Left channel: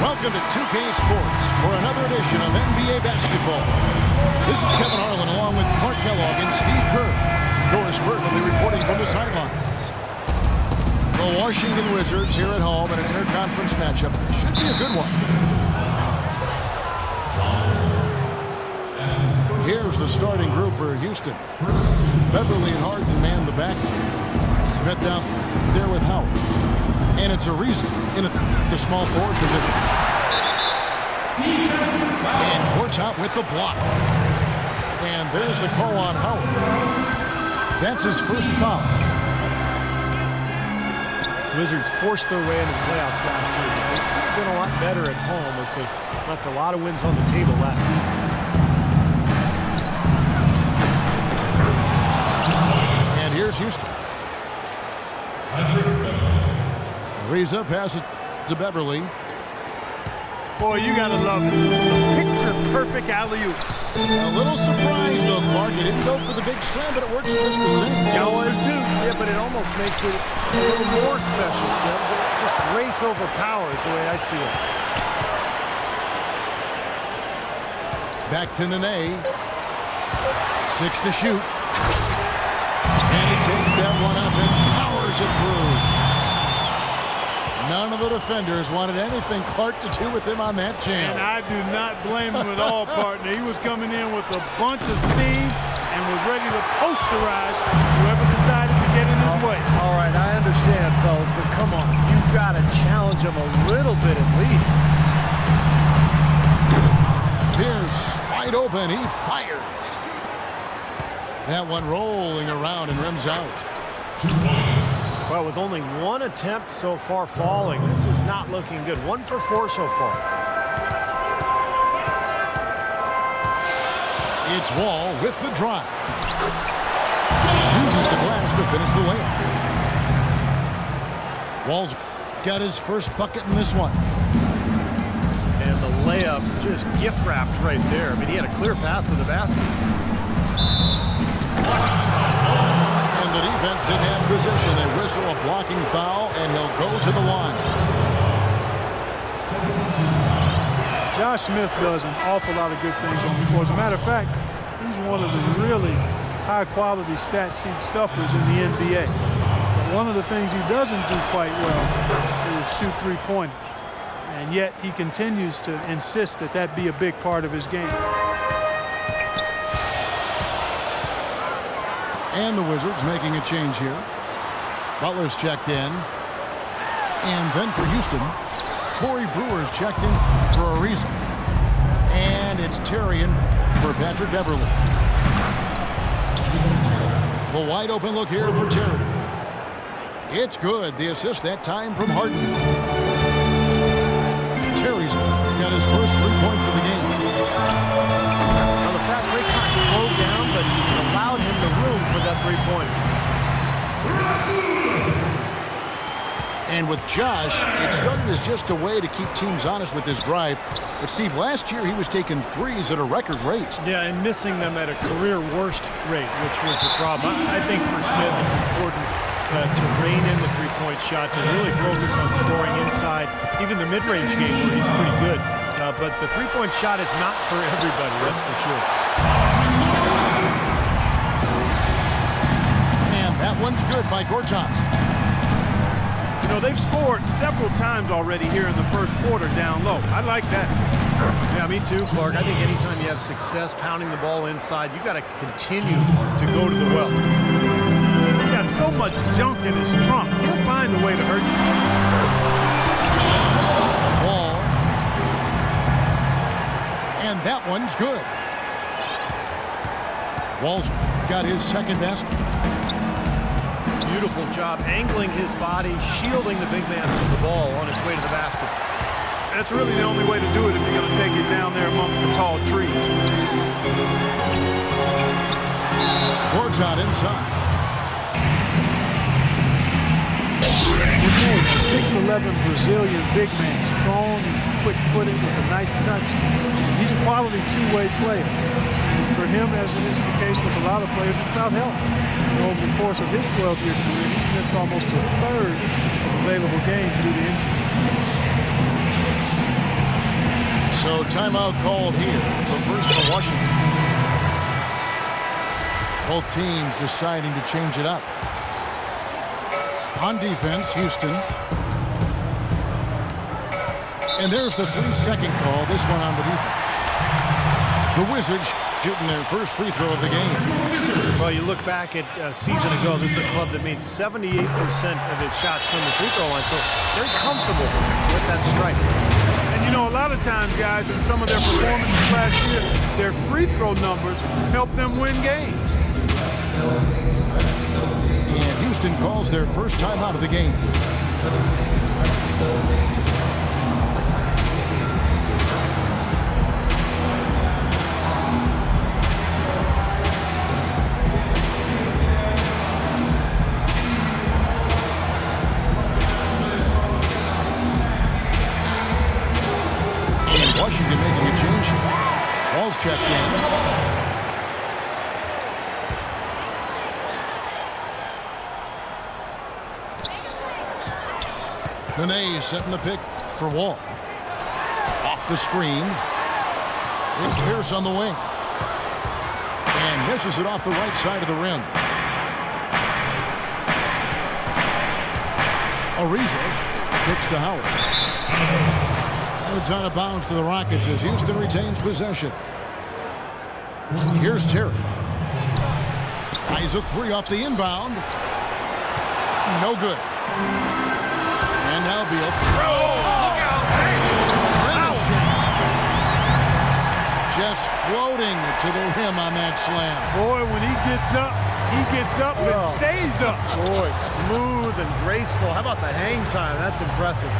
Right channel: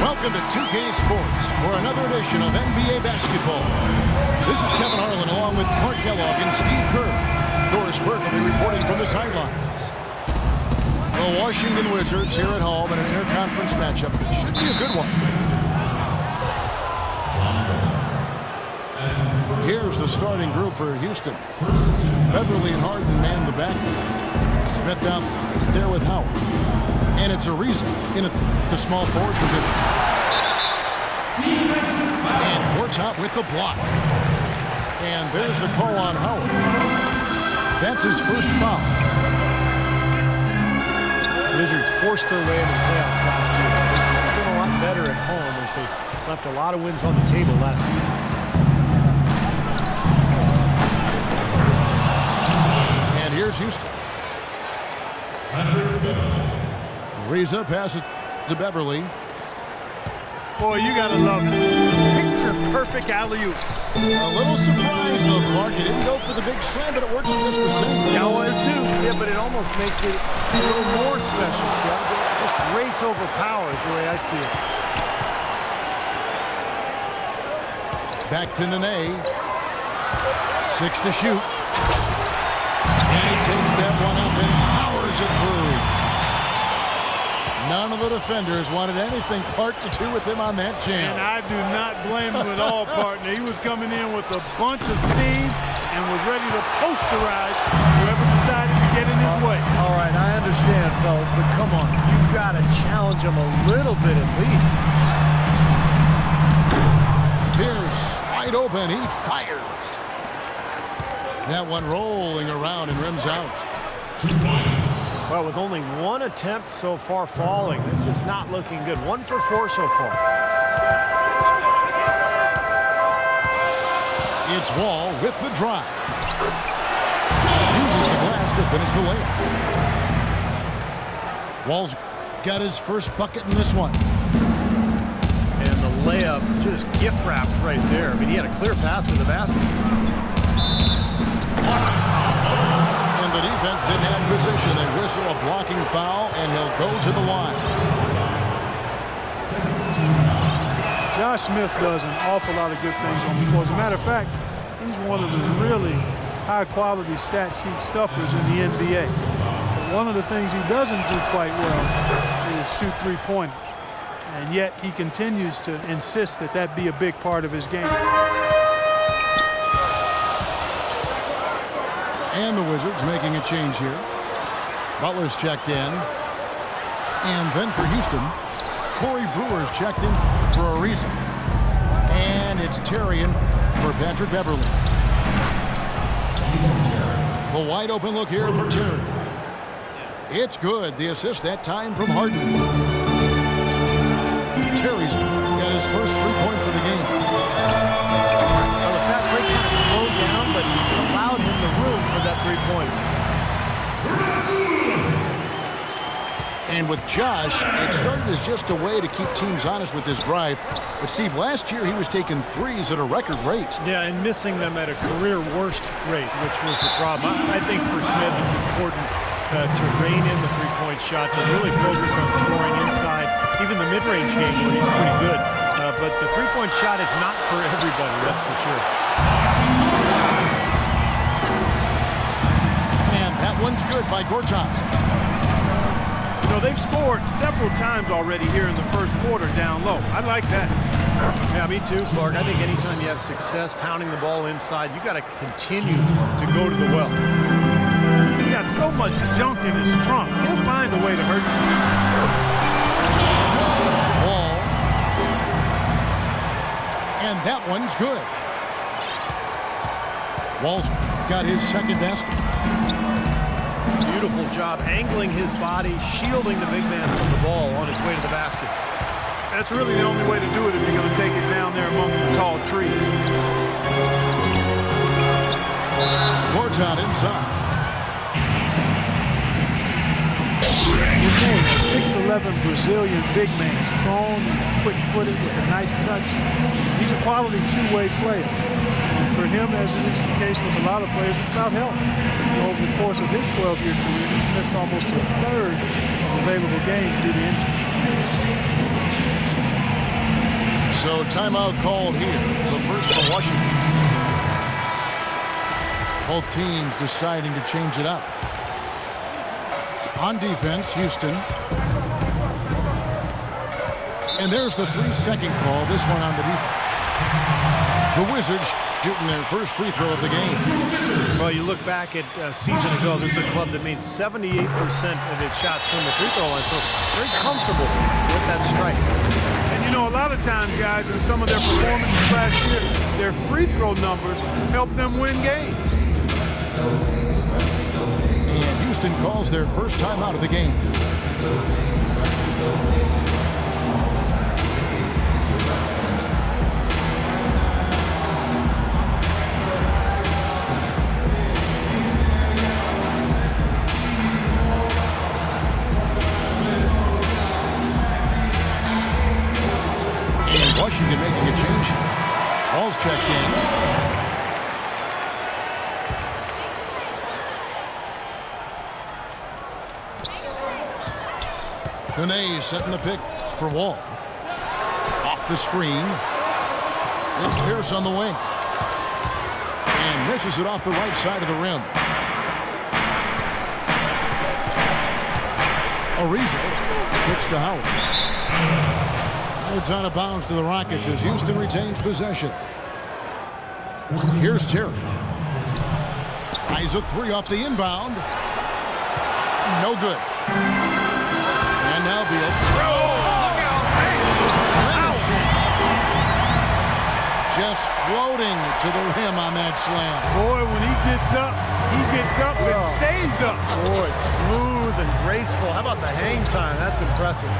Welcome to 2K Sports for another edition of NBA basketball. This is Kevin Harlan along with Clark Kellogg and Steve Kerr. Doris Burke will be reporting from the sidelines. The Washington Wizards here at home in an interconference matchup. Should be a good one. Here's the starting group for Houston. Beverly and Harden man the back. Smith out there with Howard. And it's Ariza in the small forward position. And Gortat with the block. And there's the call on Howard. That's his first foul. Wizards forced their way into the playoffs last year, but they could have been a lot better at home as they left a lot of wins on the table last season. And here's Houston. Ariza passes to Beverly. Boy, you gotta love it. Picture-perfect alley-oop. A little surprised, though, Clark. He didn't go for the big slam, but it works just the same. Youngster, too. Yeah, but it almost makes it a little more special, Kevin. Just grace over power is the way I see it. Back to Nene. 6 to shoot. And he takes that one up and powers it through. None of the defenders wanted anything Clark to do with him on that jam. And I do not blame him at all, partner. He was coming in with a bunch of steam and was ready to posterize whoever decided to get in his way. All right, I understand, fellas, but come on. You've got to challenge him a little bit at least. Pierce wide open. He fires. That one rolling around and rims out. 2 points. Well, with only one attempt so far falling, this is not looking good. 1 for 4 so far. It's Wall with the drive. Uses the glass to finish the layup. Wall's got his first bucket in this one. And the layup just gift-wrapped right there. I mean, he had a clear path to the basket. And the defense didn't have position. They whistle a blocking foul, and he'll go to the line. Josh Smith does an awful lot of good things on the floor. As a matter of fact, he's one of the really high-quality stat sheet stuffers in the NBA. But one of the things he doesn't do quite well is shoot three-pointers. And yet he continues to insist that that be a big part of his game. And the Wizards making a change here. Butler's checked in. And then for Houston, Corey Brewer's checked in for Ariza. And it's Tarian for Patrick Beverly. The wide open look here for Terry. It's good. The assist that time from Harden. Terry's got his first 3 points of the game. Well, the fast break kind of slowed down, but it allowed him the room for that three-pointer. And with Josh, it started as just a way to keep teams honest with his drive. But, Steve, last year he was taking threes at a record rate. Yeah, and missing them at a career worst rate, which was the problem. I think for Smith it's important to rein in the three-point shot, to really focus on scoring inside, even the mid-range game where he's pretty good. But the three-point shot is not for everybody, that's for sure. And that one's good by Gortat. You know, they've scored several times already here in the first quarter down low. I like that. Yeah, me too, Clark. I think anytime you have success pounding the ball inside, you got to continue to go to the well. He's got so much junk in his trunk. He'll find a way to hurt you. Ball. And that one's good. Wall's got his second basket. Beautiful job angling his body, shielding the big man from the ball on his way to the basket. That's really the only way to do it if you're going to take it down there amongst the tall trees. Gortat inside. 6'11" Brazilian big man, strong and quick-footed with a nice touch. He's a quality two-way player. And for him, as it is the case with a lot of players, it's about health. You know, over the course of his 12-year career, he's missed almost a third of available games due to injury. So timeout called here. The first for Washington. Both teams deciding to change it up. On defense, Houston. And there's the 3-second call, this one on the defense. The Wizards shooting their first free throw of the game. Well, you look back at a season ago, this is a club that made 78% of its shots from the free throw line, so very comfortable with that strike. And you know, a lot of times, guys, in some of their performances last year, their free throw numbers helped them win games. And Houston calls their first time out of the game. And Washington making a change. Ball's checked in. Nene setting the pick for Wall. Off the screen. It's Pierce on the wing. And misses it off the right side of the rim. Ariza kicks to Howard. And it's out of bounds to the Rockets as Houston retains possession. Here's Terry. Tries a three off the inbound. No good. And now Beal. Look out! Hey! Just floating to the rim on that slam. Boy, when he gets up and stays up. Boy, smooth and graceful. How about the hang time? That's impressive.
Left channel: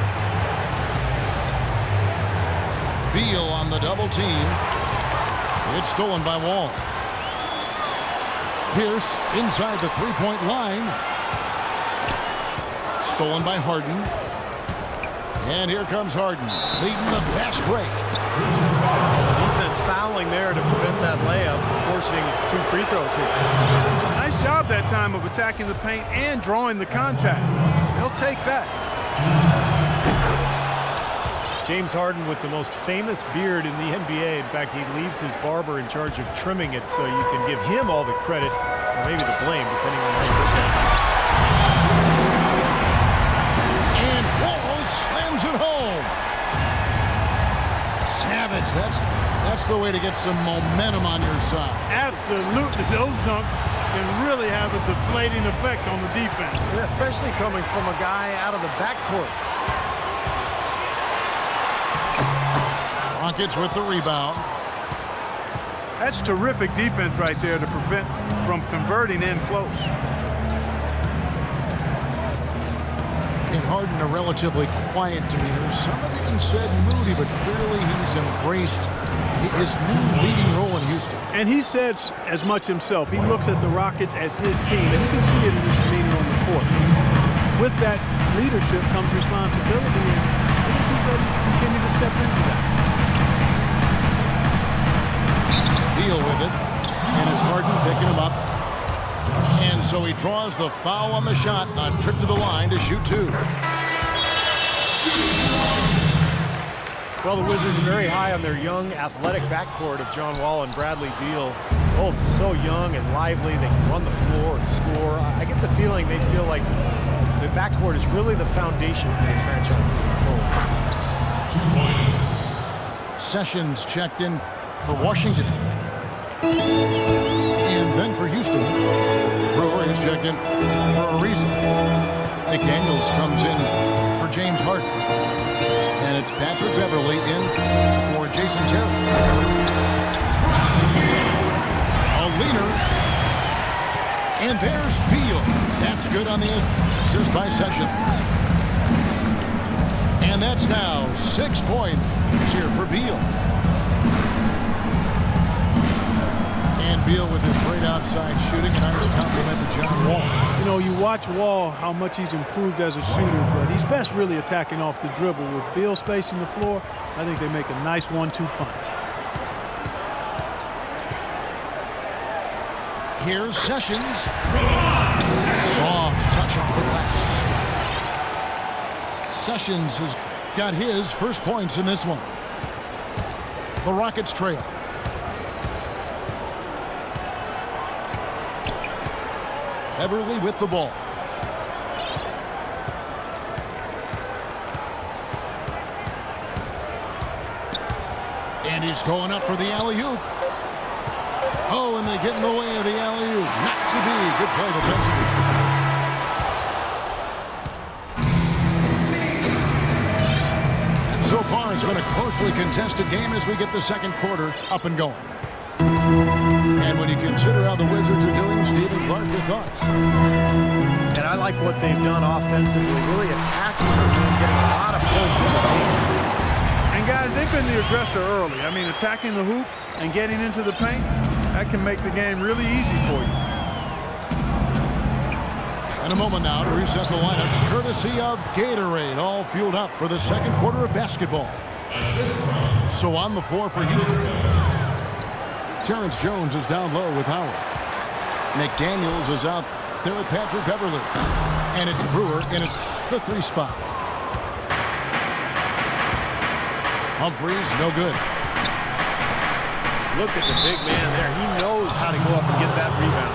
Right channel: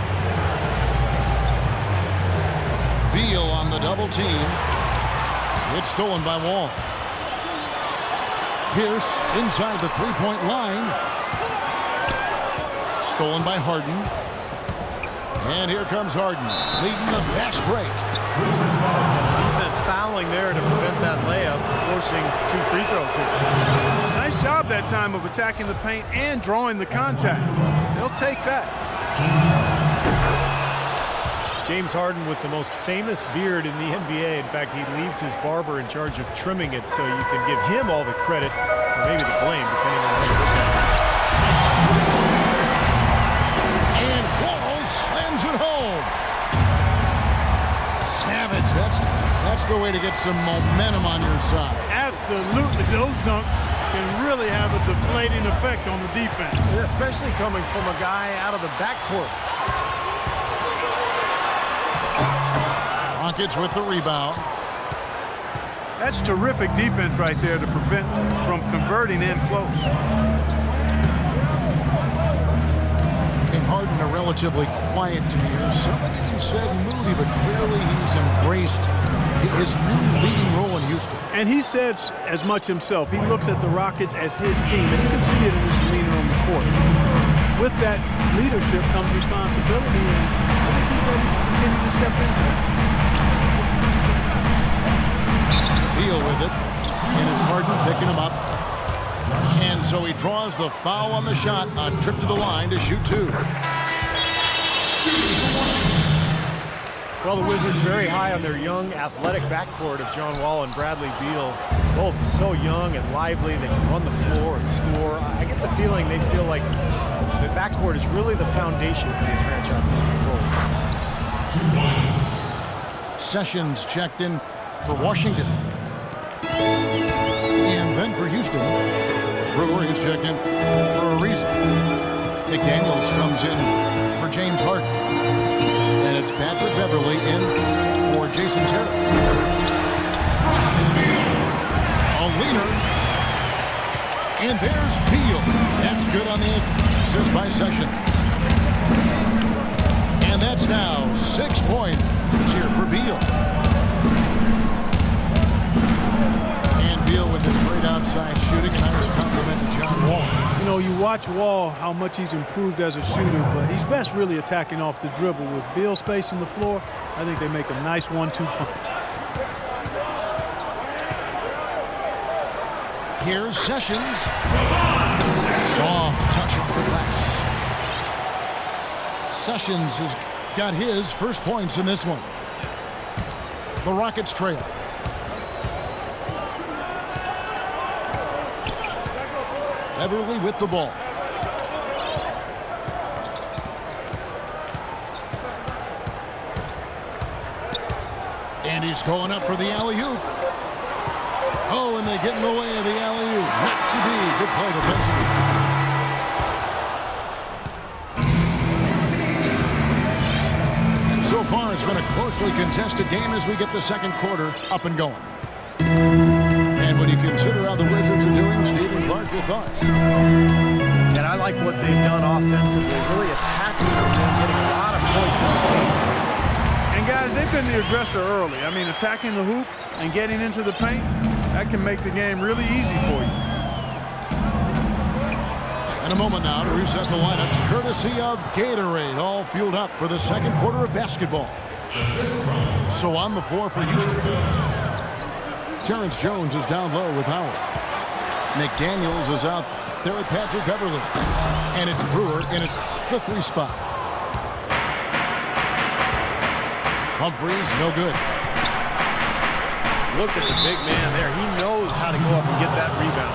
Beal on the double team. It's stolen by Wall. Pierce inside the three-point line. Stolen by Harden. And here comes Harden, leading the fast break. The defense fouling there to prevent that layup, forcing 2 free throws here. Nice job that time of attacking the paint and drawing the contact. They'll take that. James Harden with the most famous beard in the NBA. In fact, he leaves his barber in charge of trimming it, so you can give him all the credit, or maybe the blame, depending on how you look at it. And Wall slams it home. Savage, that's the way to get some momentum on your side. Absolutely, those dunks can really have a deflating effect on the defense. Especially coming from a guy out of the backcourt. Rockets with the rebound. That's terrific defense right there to prevent from converting in close. And Harden, a relatively quiet demeanor. Some have even said moody, but clearly he's embraced his new leading role in Houston. And he said as much himself. He looks at the Rockets as his team, and you can see it in his demeanor on the court. With that leadership comes responsibility, and I think he's ready to continue to step into that. Beal with it, and it's Harden picking him up. And so he draws the foul on the shot, a trip to the line to shoot 2. Well, the Wizards very high on their young, athletic backcourt of John Wall and Bradley Beal. Both so young and lively. They can run the floor and score. I get the feeling they feel like the backcourt is really the foundation for this franchise moving forward. Sessions checked in for Washington. And then for Houston, Brewer is checked in for Ariza. McDaniels comes in for James Harden. And it's Patrick Beverly in for Jason Terry. A leaner. And there's Beal. That's good on the assist by Sessions. And that's now 6 points here for Beal. And Beal with his great outside shooting, a nice compliment to John Wall. You know, you watch Wall, how much he's improved as a shooter, but he's best really attacking off the dribble. With Beal spacing the floor, I think they make a nice 1-2 punch. Here's Sessions. Soft touch off the glass. Sessions has got his first points in this one. The Rockets trail. Beverly with the ball. And he's going up for the alley-oop. Oh, and they get in the way of the alley-oop. Not to be. Good play defensively. And so far, it's been a closely contested game as we get the second quarter up and going. And when you consider how the Wizards are doing, Stephen Clark, your thoughts? And I like what they've done offensively, really attacking the rim, getting a lot of points in the paint. And guys, they've been the aggressor early. I mean, attacking the hoop and getting into the paint, that can make the game really easy for you. And a moment now to reset the lineups, courtesy of Gatorade, all fueled up for the second quarter of basketball. So on the floor for Houston. Terrence Jones is down low with Howard. McDaniels is out there with Patrick Beverly. And it's Brewer in the 3 spot. Humphreys, no good. Look at the big man there. He knows how to go up and get that rebound.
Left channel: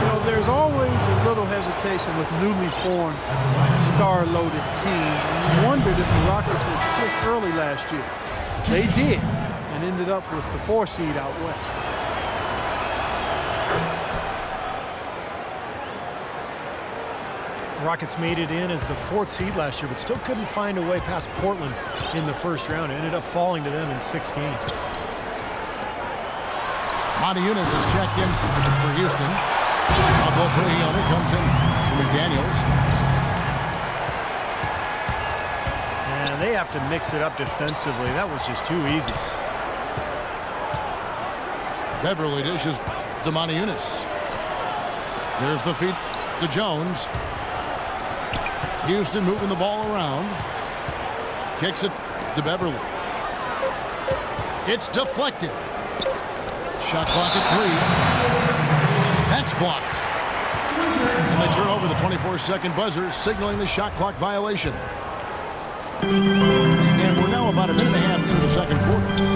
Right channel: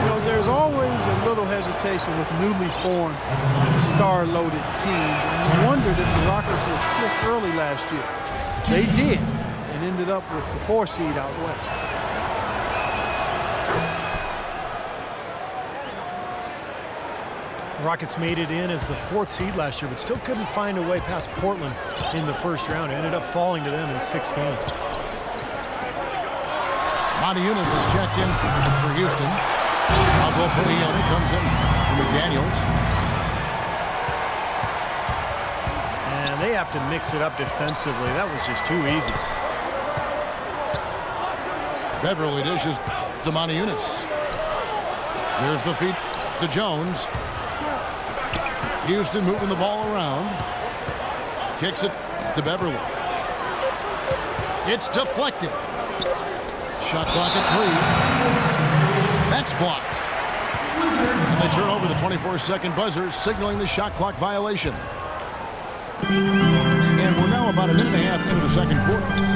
You know, there's always a little hesitation with newly formed, star-loaded teams. And you wondered if the Rockets would flip early last year. They did, and ended up with the 4 seed out west. Rockets made it in as the 4th seed last year, but still couldn't find a way past Portland in the first round. It ended up falling to them in 6 games. Monty Eunice is checked in for Houston. Pablo Prigioni comes in for McDaniels. And they have to mix it up defensively. That was just too easy. Beverly dishes to Monty Eunice. There's the feed to Jones. Houston moving the ball around. Kicks it to Beverly. It's deflected. Shot clock at 3. That's blocked. And they turn over the 24-second buzzer, signaling the shot clock violation. And we're now about a minute and a half into the second quarter.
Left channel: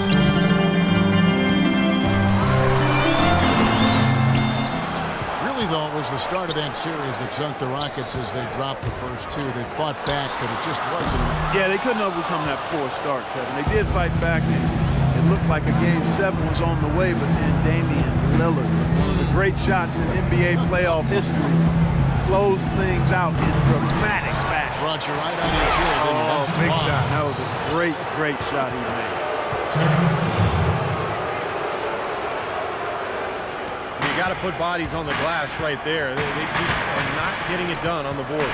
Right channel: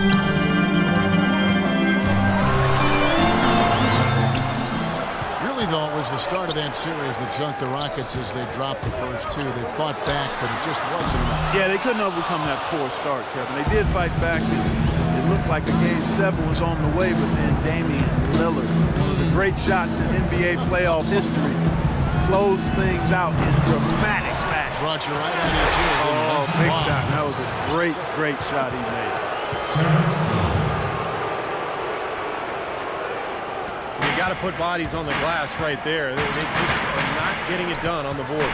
Though it was the start of that series that sunk the Rockets as they dropped the first 2. They fought back, but it just wasn't enough. Yeah, they couldn't overcome that poor start, Kevin. They did fight back, and it looked like a Game 7 was on the way, but then Damian Lillard, one of the great shots in NBA playoff history, closed things out in dramatic fashion. Brought you right out of your chair. Oh, big time. That was a great, great shot he made. You got to put bodies on the glass right there. They just are not getting it done on the boards.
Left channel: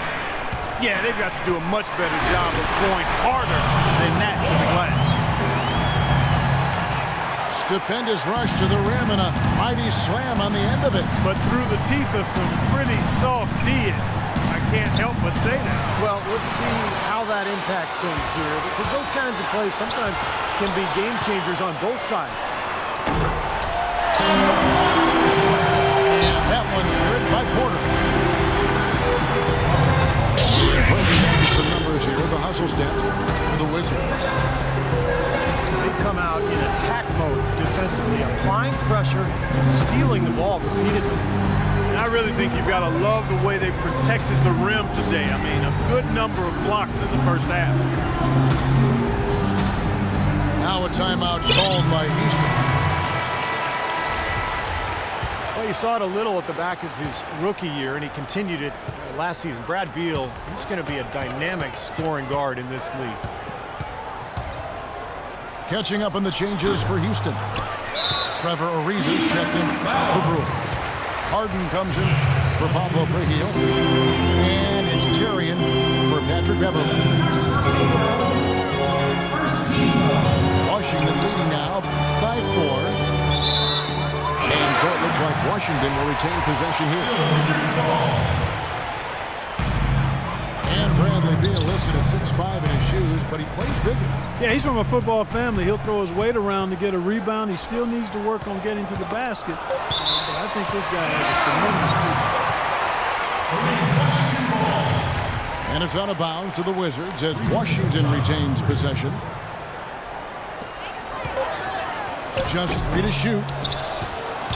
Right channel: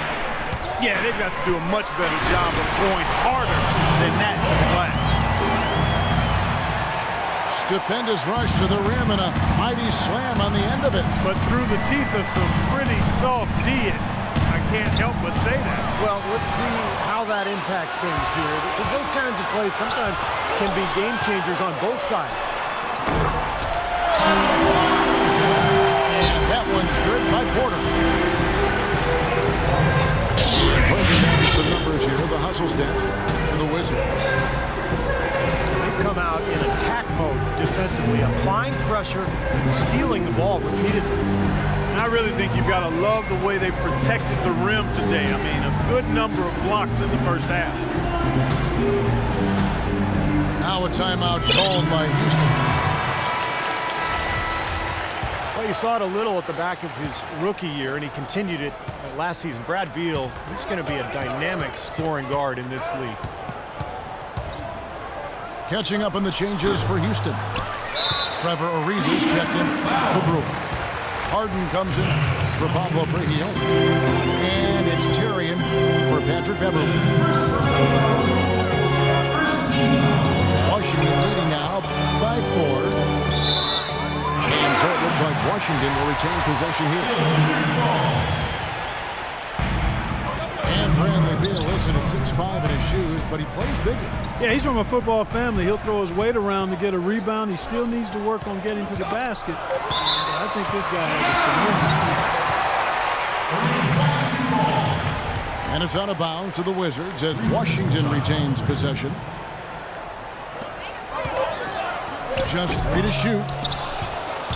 Yeah, they've got to do a much better job of throwing harder than that to the glass. Stupendous rush to the rim and a mighty slam on the end of it. But through the teeth of some pretty soft D, I can't help but say that. Well, let's see how that impacts things here, because those kinds of plays sometimes can be game changers on both sides. That one's good by Porter. Bringing down some numbers here, the hustle stats for the Wizards. They've come out in attack mode defensively, applying pressure and stealing the ball repeatedly. And I really think you've got to love the way they protected the rim today. I mean, a good number of blocks in the first half. Now a timeout called by Houston. Well, you saw it a little at the back of his rookie year, and he continued it last season. Brad Beal, he's going to be a dynamic scoring guard in this league. Catching up on the changes for Houston. Trevor Ariza checked in for Brewer. Harden comes in for Pablo Prigioni. And it's Tarian for Patrick Beverly. Washington leading now by 4. And so it looks like Washington will retain possession here. And Bradley Beal listed at 6'5" in his shoes, but he plays bigger. Yeah, he's from a football family. He'll throw his weight around to get a rebound. He still needs to work on getting to the basket. But I think this guy has a tremendous future. And it's out of bounds to the Wizards as Washington retains possession. Just 3 to shoot.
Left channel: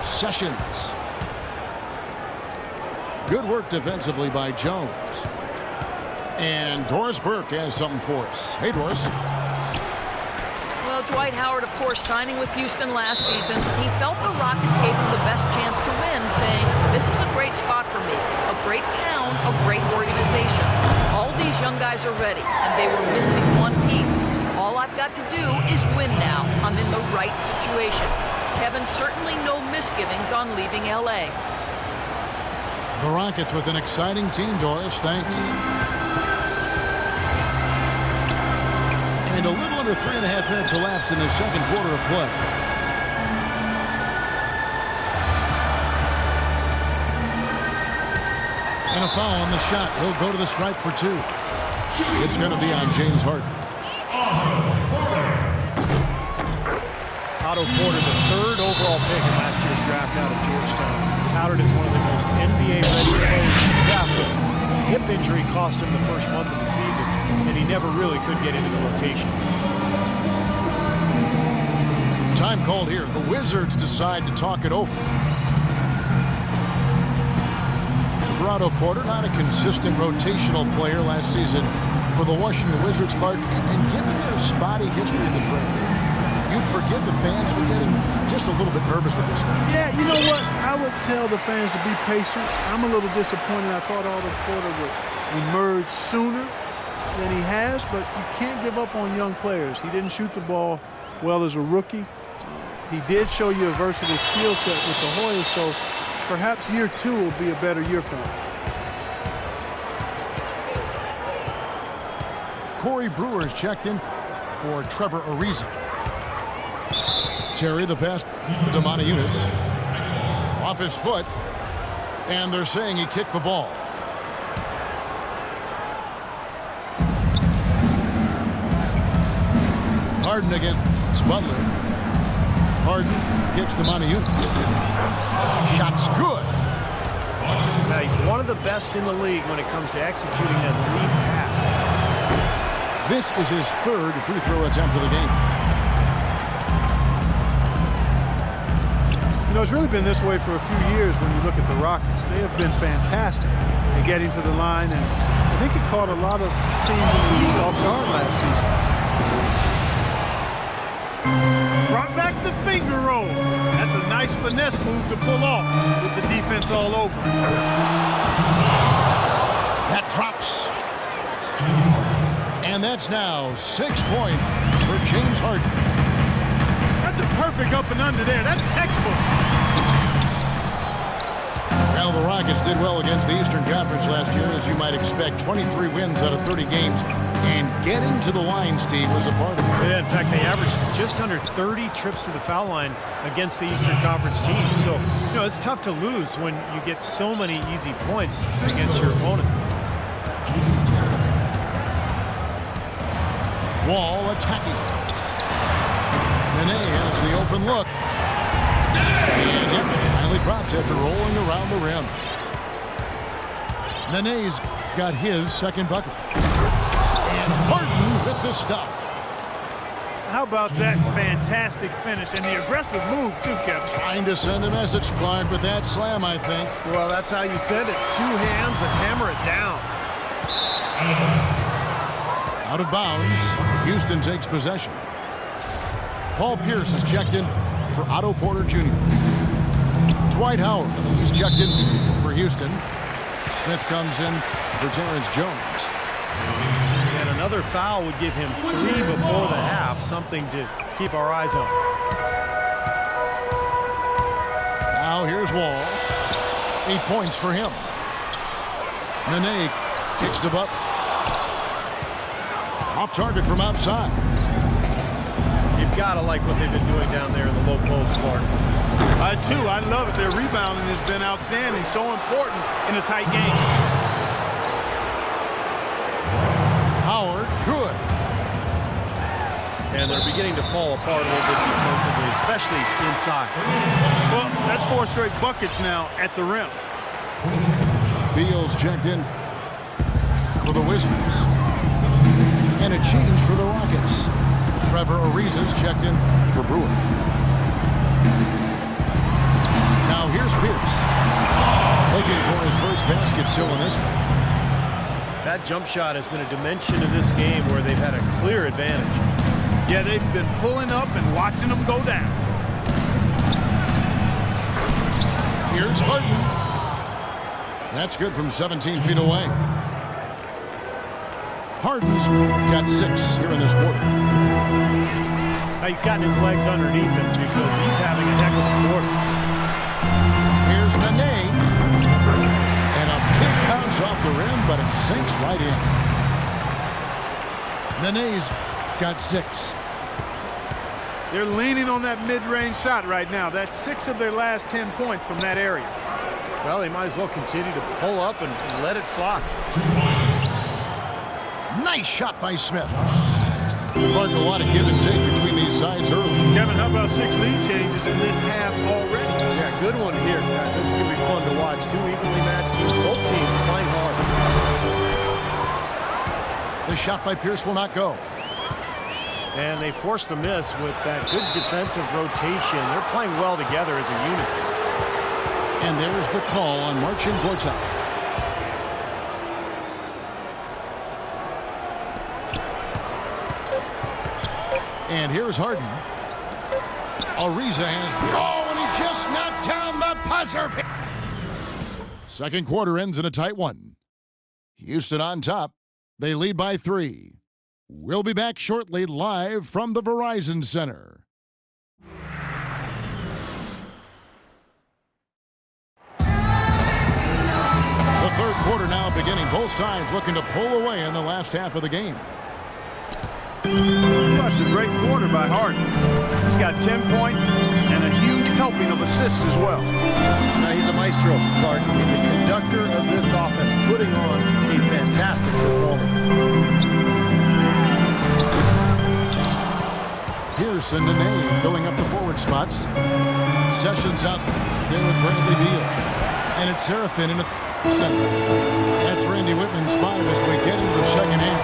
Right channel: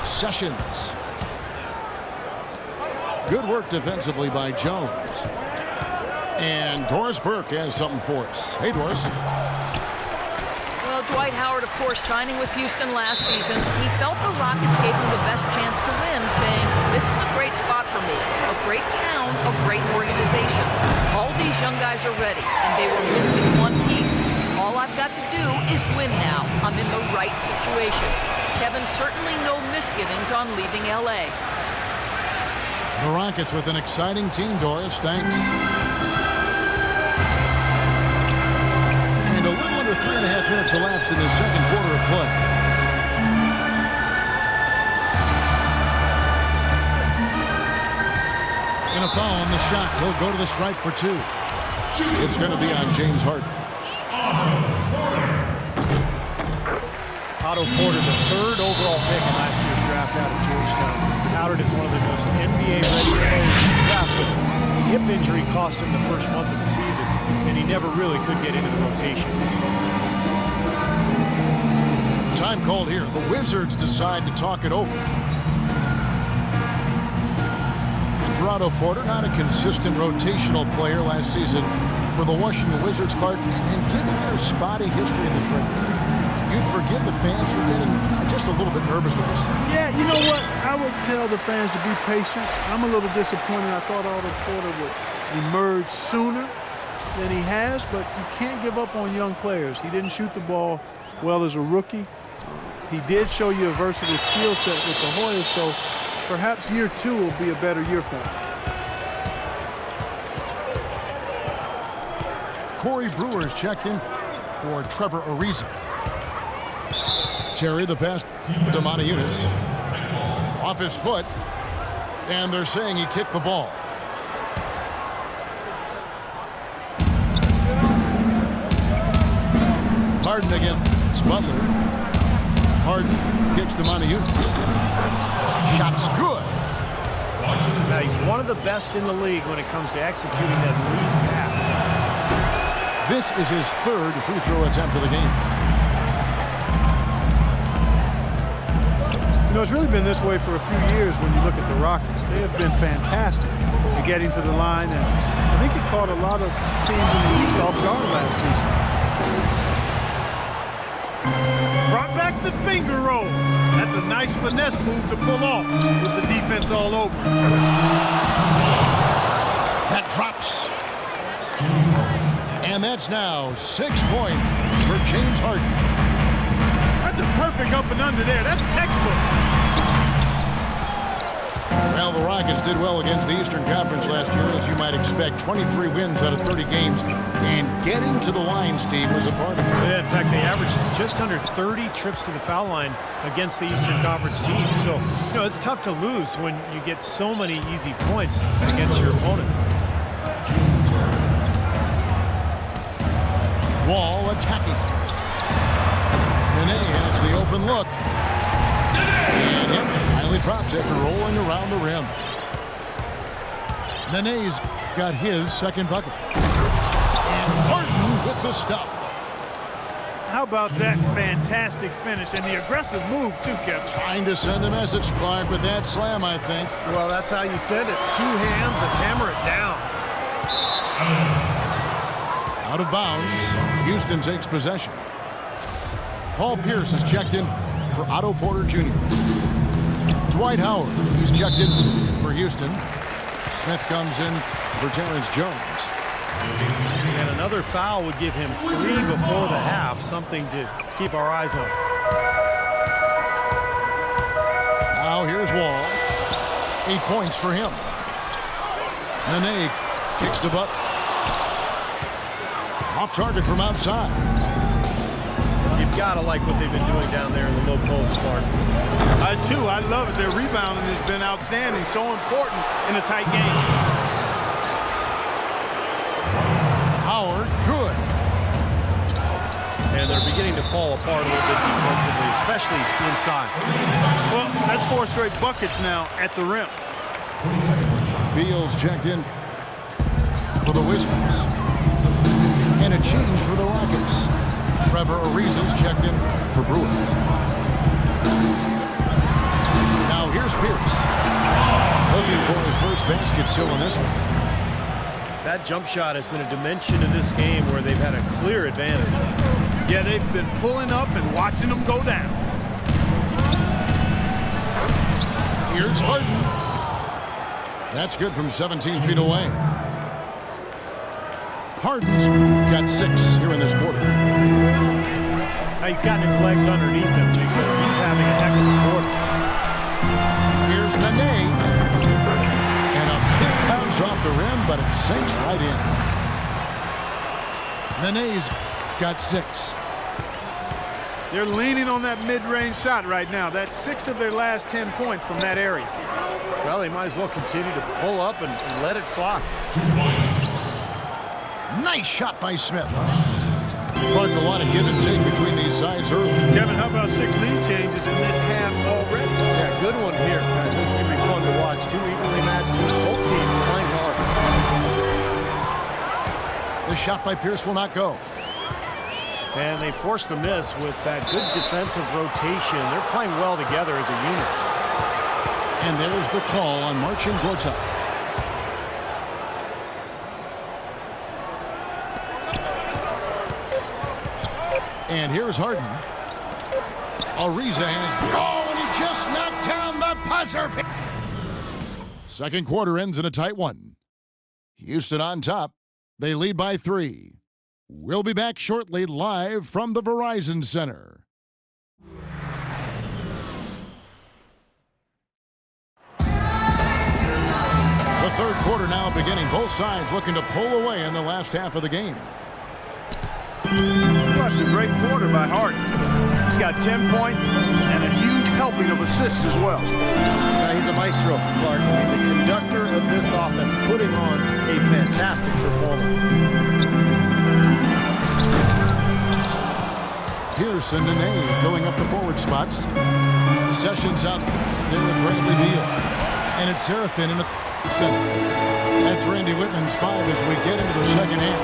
Sessions. Good work defensively by Jones. And Doris Burke has something for us. Hey, Doris. Well, Dwight Howard, of course, signing with Houston last season, he felt the Rockets gave him the best chance to win, saying, this is a great spot for me, a great town, a great organization. All these young guys are ready, and they were missing one piece. All I've got to do is win now. I'm in the right situation. Kevin, certainly no misgivings on leaving L.A. The Rockets with an exciting team, Doris. Thanks. And a little under 3.5 minutes elapsed in the second quarter of play. And a foul on the shot. He'll go to the stripe for 2. It's going to be on James Harden. Otto Porter, the 3rd overall pick in last year's draft out of Georgetown, touted as one of the most NBA-ready players in the draft, but a hip injury cost him the first month of the season, and he never really could get into the rotation. Time called here. The Wizards decide to talk it over. And for Otto Porter, not a consistent rotational player last season for the Washington Wizards, Clark, and given their spotty history in the draft, you'd forgive the fans for getting just a little bit nervous with this guy. Yeah, you know what? I would tell the fans to be patient. I'm a little disappointed. I thought Otto Porter would emerge sooner than he has, but you can't give up on young players. He didn't shoot the ball well as a rookie. He did show you a versatile skill set with the Hoyas, so perhaps year 2 will be a better year for him. Corey Brewer's checked in for Trevor Ariza. Terry, the pass to Motiejunas. Off his foot, and they're saying he kicked the ball. Harden against Butler. Harden kicks to Motiejunas. Shot's good. Now, he's one of the best in the league when it comes to executing that lead pass. This is his 3rd free throw attempt of the game. You know, it's really been this way for a few years when you look at the Rockets. They have been fantastic at getting to the line, and I think it caught a lot of teams in the East off guard last season. Brought back the finger roll. That's a nice finesse move to pull off with the defense all over. That drops. And that's now 6 points for James Harden. That's a perfect up and under there. That's textbook. Well, the Rockets did well against the Eastern Conference last year, as you might expect. 23 wins out of 30 games. And getting to the line, Steve, was a part of it. Yeah, in fact, they averaged just under 30 trips to the foul line against the Eastern Conference teams. So, you know, it's tough to lose when you get so many easy points against your opponent. Wall attacking. Nene has the open look. And yep, finally drops after rolling around the rim. Nene's got his 2nd bucket. And Harden with the stuff. How about that fantastic finish and the aggressive move, too, Kevin? Trying to send a message, Clark, with that slam, I think. Well, that's how you send it. 2 hands and hammer it down. Out of bounds. Houston takes possession. Paul Pierce is checked in for Otto Porter Jr. Dwight Howard, he's checked in for Houston. Smith comes in for Terrence Jones. And another foul would give him 3 before the half, something to keep our eyes on. Now here's Wall. 8 points for him. Nene kicks to Butler. Off target from outside. You've got to like what they've been doing down there in the low post, Clark. I do. I love it. Their rebounding has been outstanding. So important in a tight game. Howard, good. And they're beginning to fall apart a little bit defensively, especially inside. Well, that's 4 straight buckets now at the rim. Beal's checked in for the Wizards. And a change for the Rockets. Trevor Ariza's checked in for Brewer. Now here's Pierce. Looking for his first basket still in this one. That jump shot has been a dimension of this game where they've had a clear advantage. Yeah, they've been pulling up and watching them go down. Here's Harden. That's good from 17 feet away. Harden's got 6 here in this quarter. He's gotten his legs underneath him because he's having a heck of a quarter. Here's Nene. And a big bounce off the rim, but it sinks right in. Nene's got 6. They're leaning on that mid-range shot right now. That's 6 of their last 10 points from that area. Well, they might as well continue to pull up and let it fly. Nice shot by Smith. Clark, a lot of give and take between these sides early. Kevin, how about 6 lead changes in this half already? Yeah, good one here. Guys, this is going to be fun to watch. 2 evenly matched teams, both teams playing hard. The shot by Pierce will not go. And they forced the miss with that good defensive rotation. They're playing well together as a unit. And there's the call on Marcin Gortat. And here's Harden. Ariza has... Oh, and he just knocked down the buzzer. Second quarter ends in a tight one. Houston on top. They lead by 3. We'll be back shortly live from the Verizon Center. The third quarter now beginning. Both sides looking to pull away in the last half of the game. Watched a great quarter by Harden. He's got 10 points and a huge helping of assists as well. Now he's a maestro, Clark. I mean, the conductor of this offense putting on a fantastic performance. Pierce and Nene filling up the forward spots. Sessions out there with Bradley Beal. And it's Serafin in the center. That's Randy Whitman's 5 as we get into the second half.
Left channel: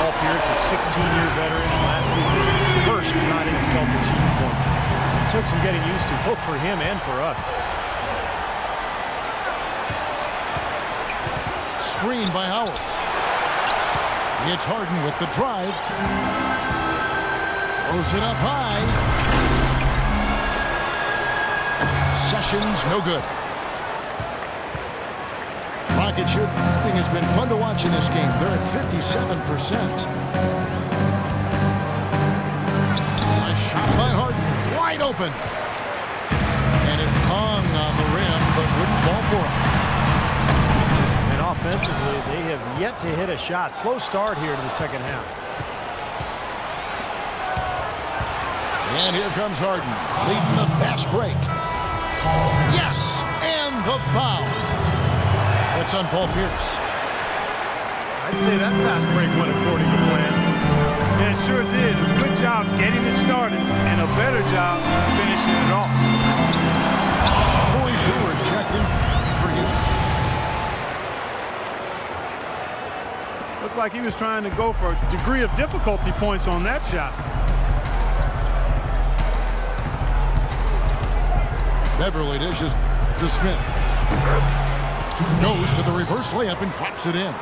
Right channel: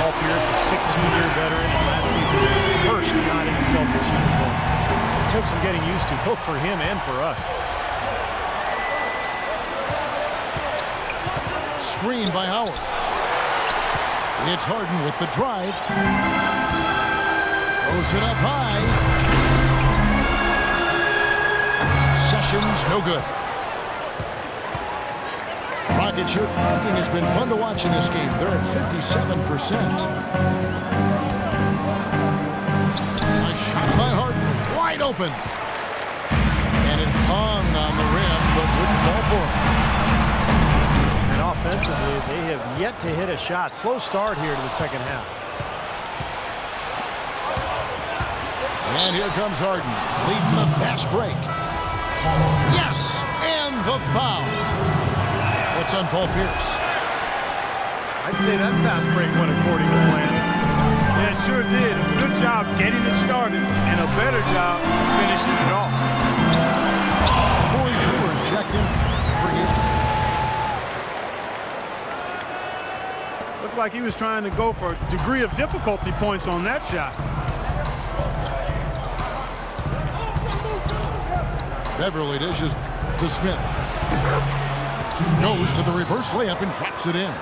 Paul Pierce, a 16-year veteran, and last season was first not in a Celtics uniform. It took some getting used to, both for him and for us. Screen by Howard. It's Harden with the drive. Throws it up high. Sessions, no good. Rocket shooting has been fun to watch in this game. They're at 57%. A shot by Harden, wide open. And it hung on the rim, but wouldn't fall for him. And offensively, they have yet to hit a shot. Slow start here to the second half. And here comes Harden, leading the fast break. Yes, and the foul. It's on Paul Pierce. I'd say that fast break went according to plan. Yeah, it sure did. A good job getting it started and a better job finishing it off. Corey Brewer's checked in for Houston. Looked like he was trying to go for a degree of difficulty points on that shot. Beverly dishes to Smith. Goes to the reverse layup and drops it in.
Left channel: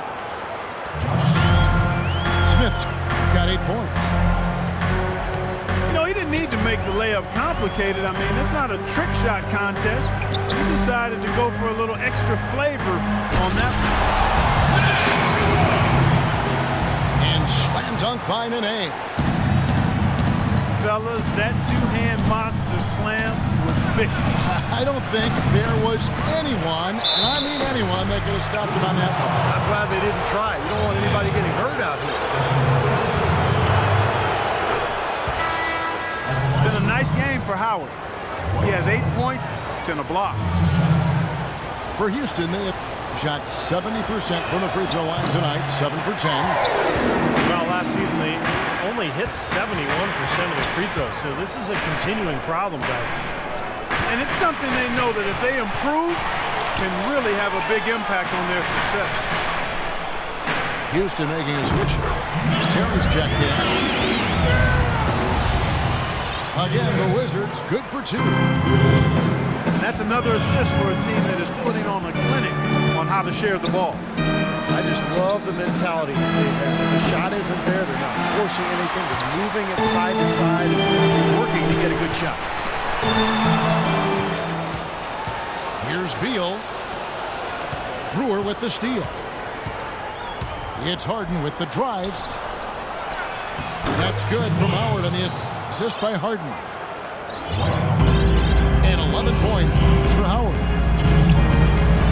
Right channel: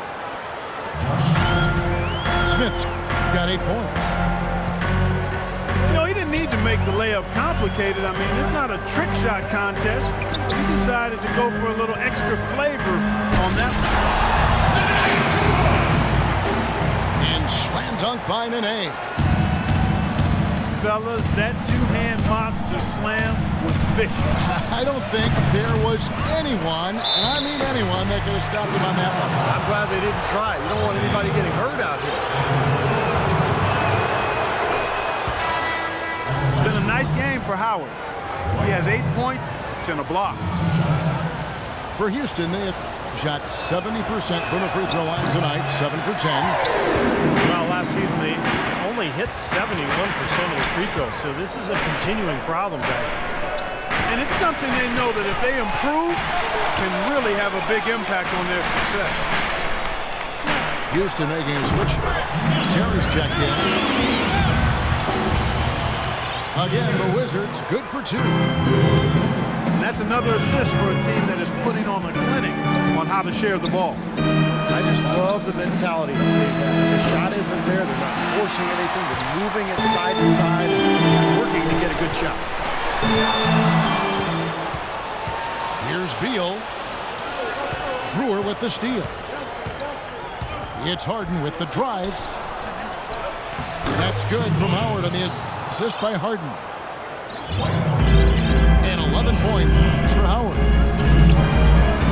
Smith's got 8 points. You know, he didn't need to make the layup complicated. I mean, it's not a trick shot contest. He decided to go for a little extra flavor on that one. And slam dunk by Nene. Fellas, that two-hand monster slam was vicious. I don't think there was anyone, and I mean anyone, that could have stopped him on that one. I'm glad they didn't try. You don't want anybody getting hurt out here. It's been a nice game for Howard. He has 8 points and a block. For Houston, they have shot 70% from the free throw line tonight, 7 for 10. Well, last season they only hit 71% of the free throws, so this is a continuing problem, guys. And it's something they know that if they improve, can really have a big impact on their success. Houston making a switch. Terry's checked in. Again, the Wizards good for 2. And that's another assist for a team that is putting on a clinic on how to share the ball. I just love the mentality they've had. If the shot isn't there, they're not forcing anything. They're moving it side to side and working to get a good shot. Here's Beal. Brewer with the steal. It's Harden with the drive. That's good from Howard on the assist by Harden. And 11 points for Howard.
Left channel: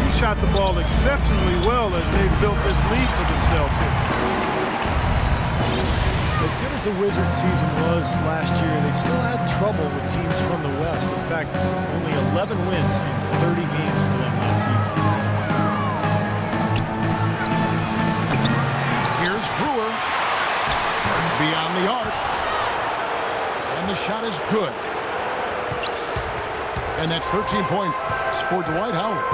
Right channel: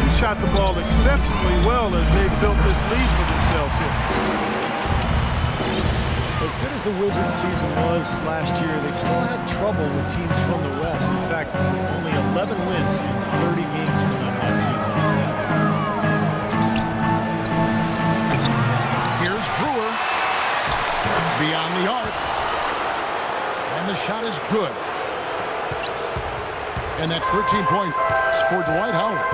He shot the ball exceptionally well as they built this lead for themselves here. As good as the Wizards season was last year, they still had trouble with teams from the West. In fact, only 11 wins in 30 games for them last season. Here's Brewer. Beyond the arc. And the shot is good. And that's 13 points for Dwight Howard.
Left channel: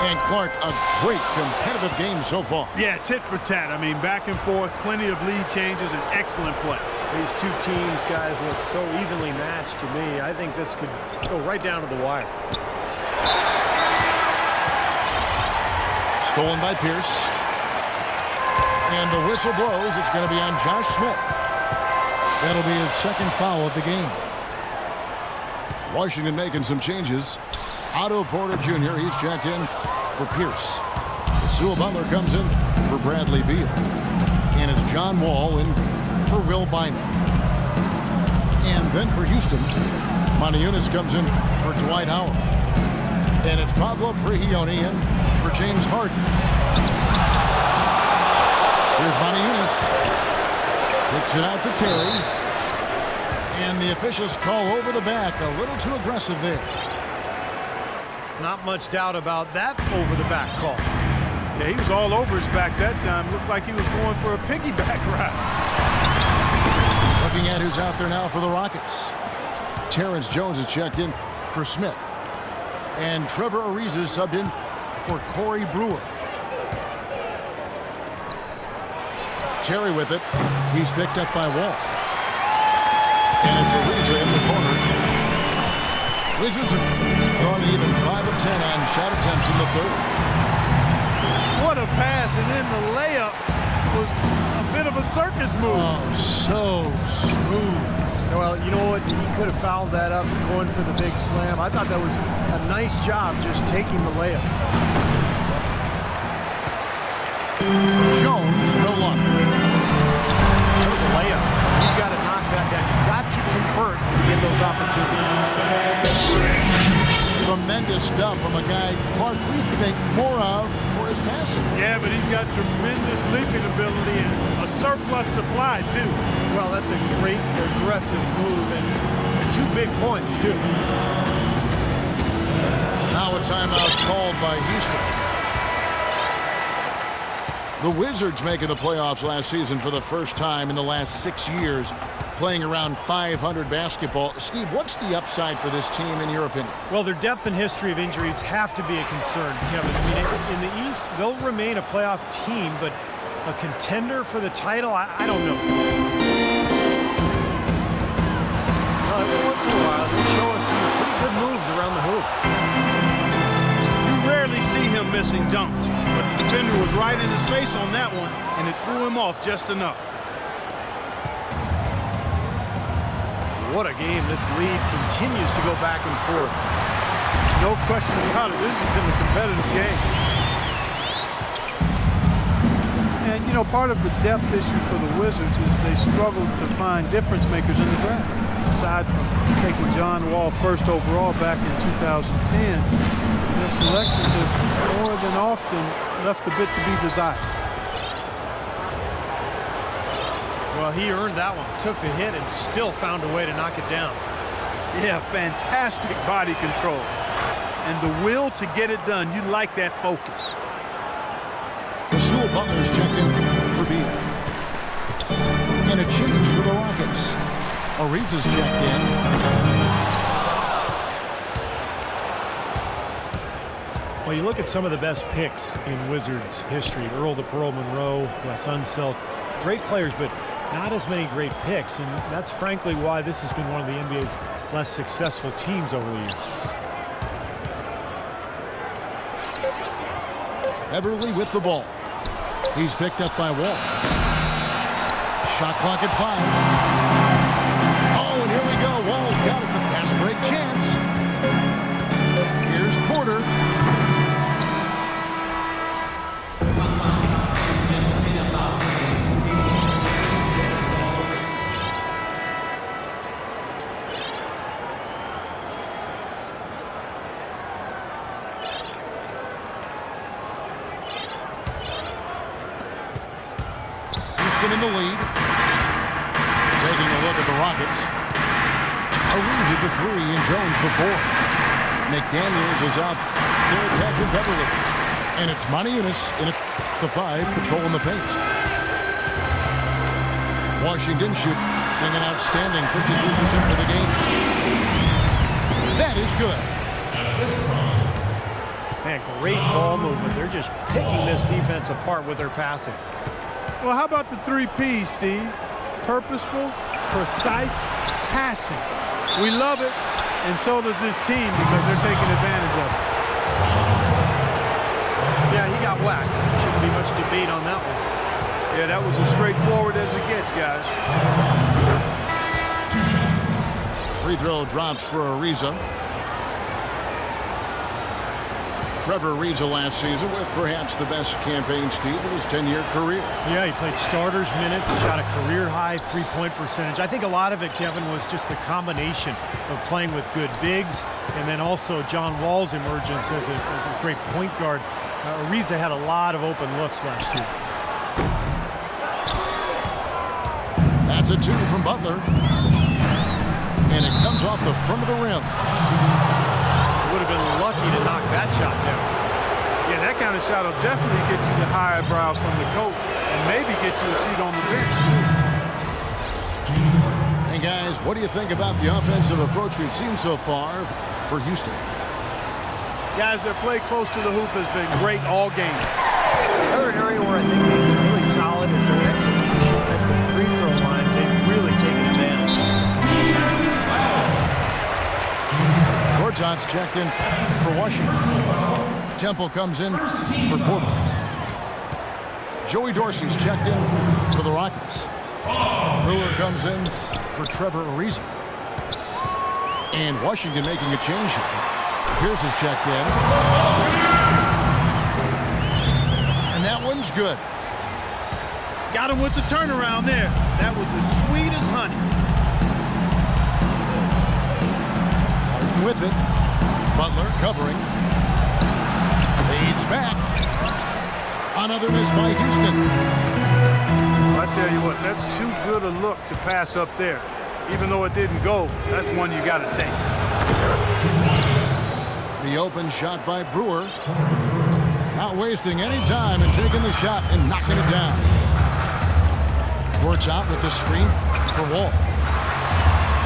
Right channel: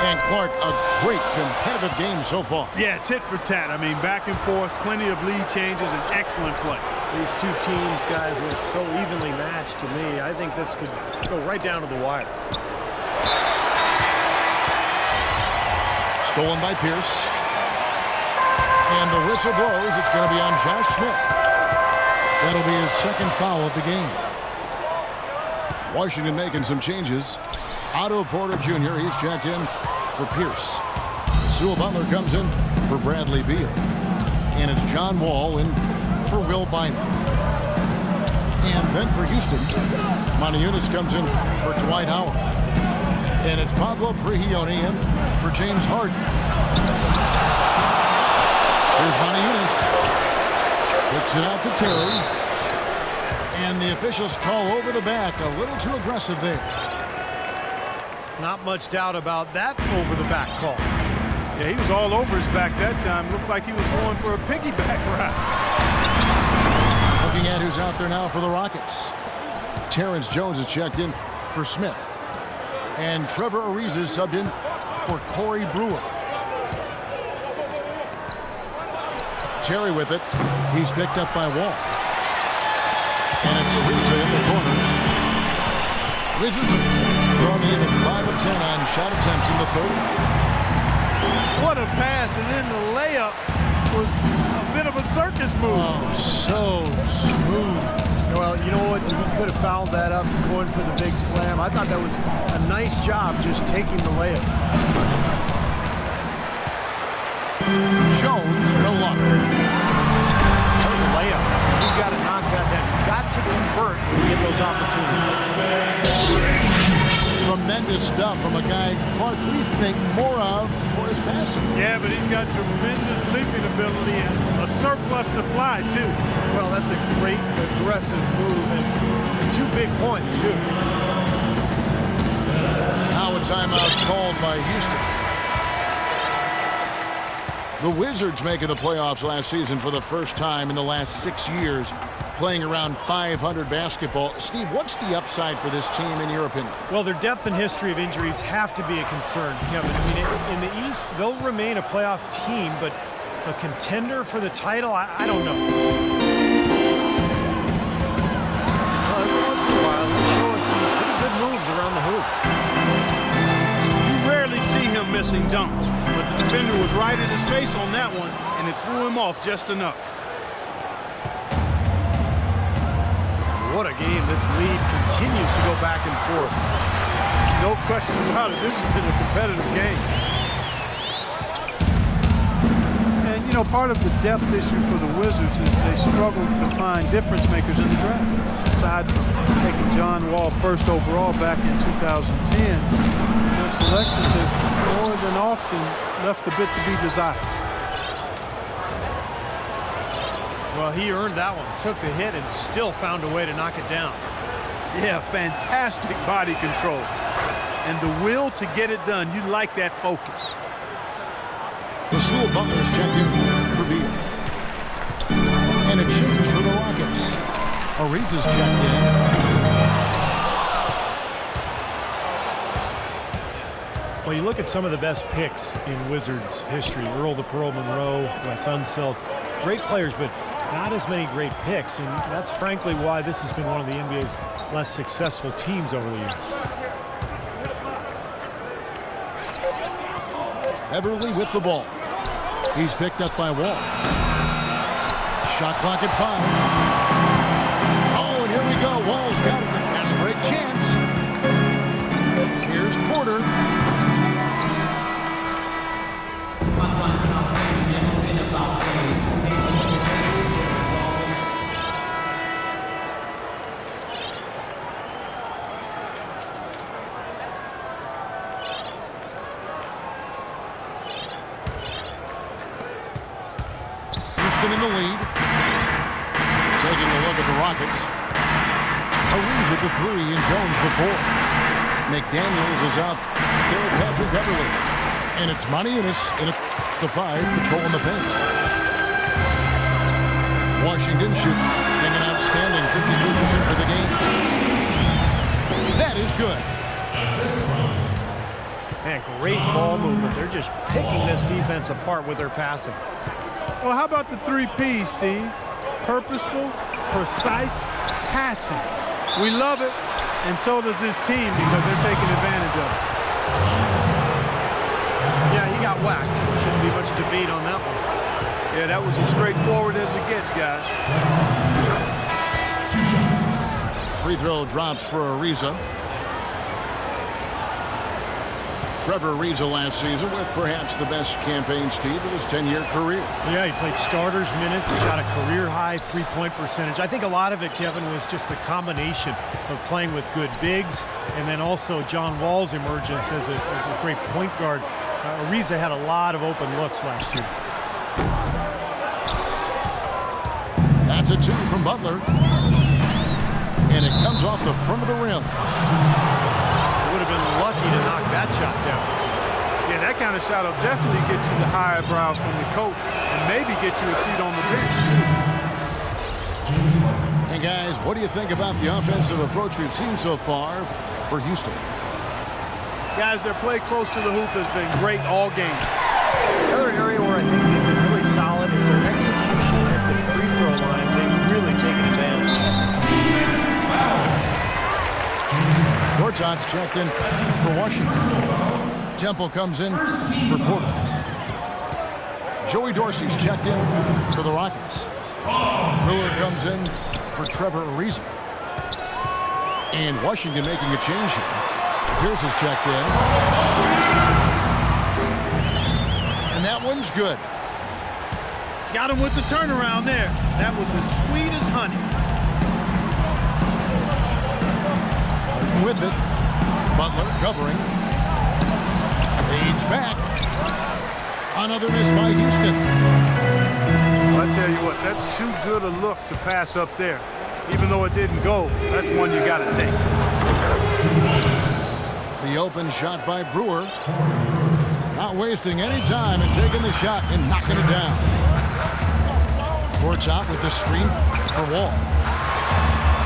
And Clark, a great competitive game so far. Yeah, tit for tat. I mean, back and forth, plenty of lead changes, and excellent play. These two teams, guys, look so evenly matched to me. I think this could go right down to the wire. Stolen by Pierce. And the whistle blows. It's going to be on Josh Smith. That'll be his second foul of the game. Washington making some changes. Otto Porter Jr., he's checked in for Pierce. Sewell Butler comes in for Bradley Beal. And it's John Wall in for Will Bynum. And then for Houston, Moniunas comes in for Dwight Howard. And it's Pablo Prigioni in for James Harden. Here's Moniunas. Kicks it out to Terry. And the officials call over the back. A little too aggressive there. Not much doubt about that over-the-back call. Yeah, he was all over his back that time. Looked like he was going for a piggyback ride. Looking at who's out there now for the Rockets. Terrence Jones is checked in for Smith. And Trevor Ariza is subbed in for Corey Brewer. Terry with it. He's picked up by Wall. And it's Ariza in the corner. Wizards have gone even 5 of 10 on shot attempts in the third. What a pass, and then the layup was a bit of a circus move. Oh, so smooth. Well, you know what? He could have fouled that up going for the big slam. I thought that was a nice job just taking the layup. Jones, no luck. That was a layup. You've got to knock that down. You've got to convert when you get those opportunities. Tremendous stuff from a guy, Clark, we think more of for his passing. Yeah, but he's got tremendous leaping ability and a surplus supply, too. Well, that's a great aggressive move and 2 big points, too. Now a timeout called by Houston. The Wizards making the playoffs last season for the first time in the last 6 years, playing around 500 basketball. Steve, what's the upside for this team in your opinion? Well, their depth and history of injuries have to be a concern, Kevin. I mean, in the East, they'll remain a playoff team, but a contender for the title, I don't know. Well, every once in a while, he'll show us some pretty good moves around the hoop. You rarely see him missing dunks, but the defender was right in his face on that one, and it threw him off just enough. What a game. This lead continues to go back and forth. No question about it. This has been a competitive game. And, you know, part of the depth issue for the Wizards is they struggled to find difference makers in the draft. Aside from taking John Wall first overall back in 2010, their selections have more than often left a bit to be desired. Well, he earned that one. Took the hit and still found a way to knock it down. Yeah, fantastic body control. And the will to get it done. You like that focus. Sewell Butler's checked in for Beal. And a change for the Rockets. Ariza's checked in. Well, you look at some of the best picks in Wizards history. Earl the Pearl Monroe, Wes Unseld. Great players, but not as many great picks, and that's frankly why this has been one of the NBA's less successful teams over the years. Everly with the ball. He's picked up by Wall. Shot clock at 5. Oh, and here we go. Wall's got it. The fast break chance. Here's Porter. Houston in the lead. Taking a look at the Rockets. Ariza the 3 and Jones the 4. McDaniels is out there at Patrick Beverly. And it's Monty Eunice in at the 5, patrolling the paint. Washington shooting an outstanding 53% for the game. That is good. Man, great ball movement. They're just picking this defense apart with their passing. Well, how about the 3 P's, Steve? Purposeful, precise passing. We love it, and so does this team because they're taking advantage of it. Yeah, he got whacked. Shouldn't be much debate on that one. Yeah, that was as straightforward as it gets, guys. Free throw drops for Ariza. Trevor Ariza last season with perhaps the best campaign, Steve, of his 10-year career. Yeah, he played starters minutes, shot a career-high three-point percentage. I think a lot of it, Kevin, was just the combination of playing with good bigs and then also John Wall's emergence as a great point guard. Ariza had a lot of open looks last year. That's a 2 from Butler. And it comes off the front of the rim. Would have been lucky to knock that shot down. Yeah, that kind of shot will definitely get you the high eyebrows from the coach and maybe get you a seat on the bench, too. And guys, what do you think about the offensive approach we've seen so far for Houston? Guys, their play close to the hoop has been great all game. Another area where I think they've been really solid is their execution at the free throw line. They've really taken advantage. Gortat's checked in for Washington. Temple comes in for Porter. Joey Dorsey's checked in for the Rockets. Brewer comes in for Trevor Ariza. And Washington making a change here. Pierce is checked in. And that one's good. Got him with the turnaround there. That was as sweet as honey. With it, Butler covering, fades back. Another miss by Houston. Well, I tell you what, that's too good a look to pass up there. Even though it didn't go, that's one you got to take. The open shot by Brewer. Not wasting any time and taking the shot and knocking it down. Gortat with the screen for Wall.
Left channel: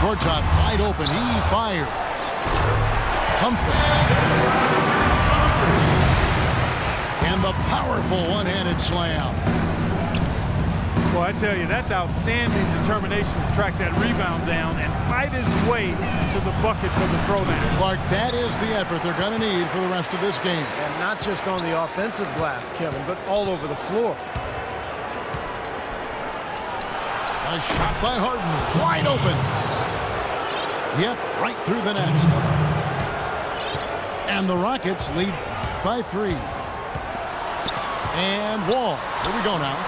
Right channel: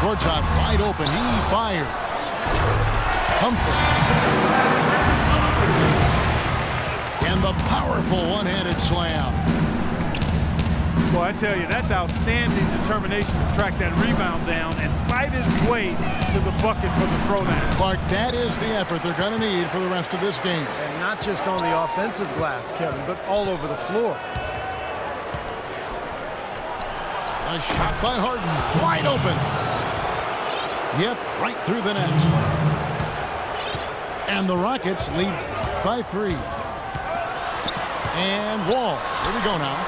Gortat wide open, he fires. Humphries. And the powerful one-handed slam. Well, I tell you, that's outstanding determination to track that rebound down and fight his way to the bucket for the throwdown. Clark, that is the effort they're going to need for the rest of this game. And not just on the offensive glass, Kevin, but all over the floor. A shot by Harden, wide open. Yep, right through the net. And the Rockets lead by 3. And Wall, here we go now.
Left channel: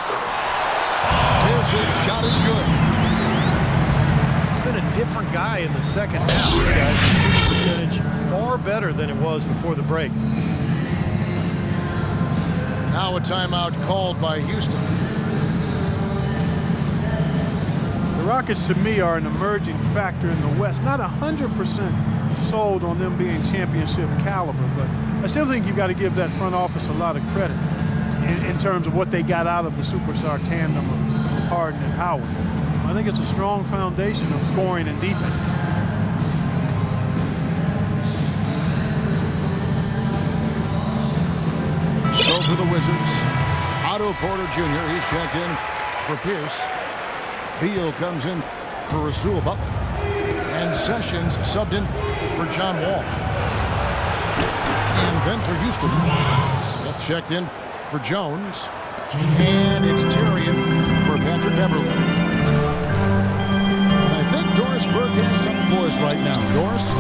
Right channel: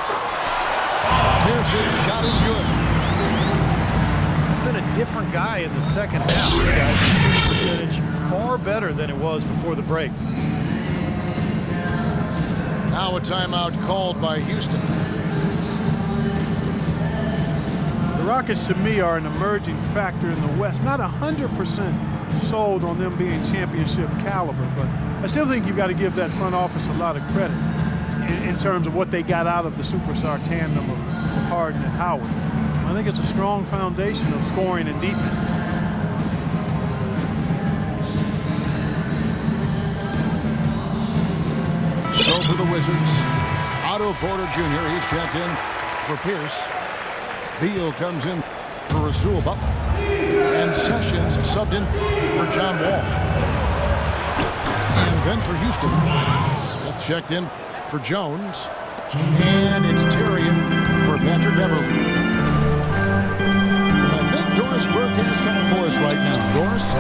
Pierce's shot is good. It's been a different guy in the second half, guys. His percentage far better than it was before the break. Now a timeout called by Houston. The Rockets, to me, are an emerging factor in the West. Not 100% sold on them being championship caliber, but I still think you've got to give that front office a lot of credit in terms of what they got out of the superstar tandem of Harden and Howard. I think it's a strong foundation of scoring and defense. So for the Wizards, Otto Porter Jr., he's checked in for Pierce. Beal comes in for Rasul Butler. And Sessions subbed in for John Wall. And then for Houston, Smith checked in for Jones. And it's Terry in for Patrick Beverly. And I think Doris Burke has something for us right now. Doris?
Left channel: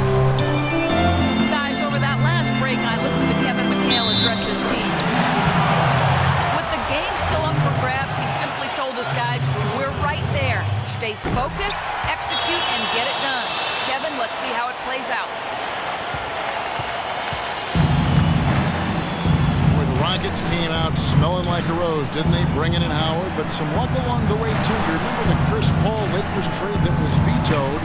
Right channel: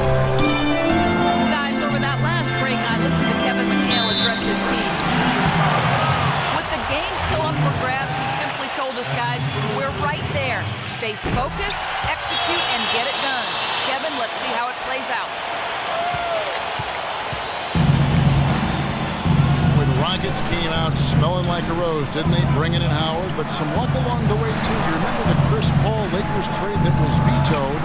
Guys, over that last break, I listened to Kevin McHale address his team. With the game still up for grabs, he simply told us, guys, we're right there. Stay focused, execute, and get it done. Kevin, let's see how it plays out. Boy, the Rockets came out smelling like a rose, didn't they? Bringing in Howard, but some luck along the way, too. You remember the Chris Paul Lakers trade that was vetoed?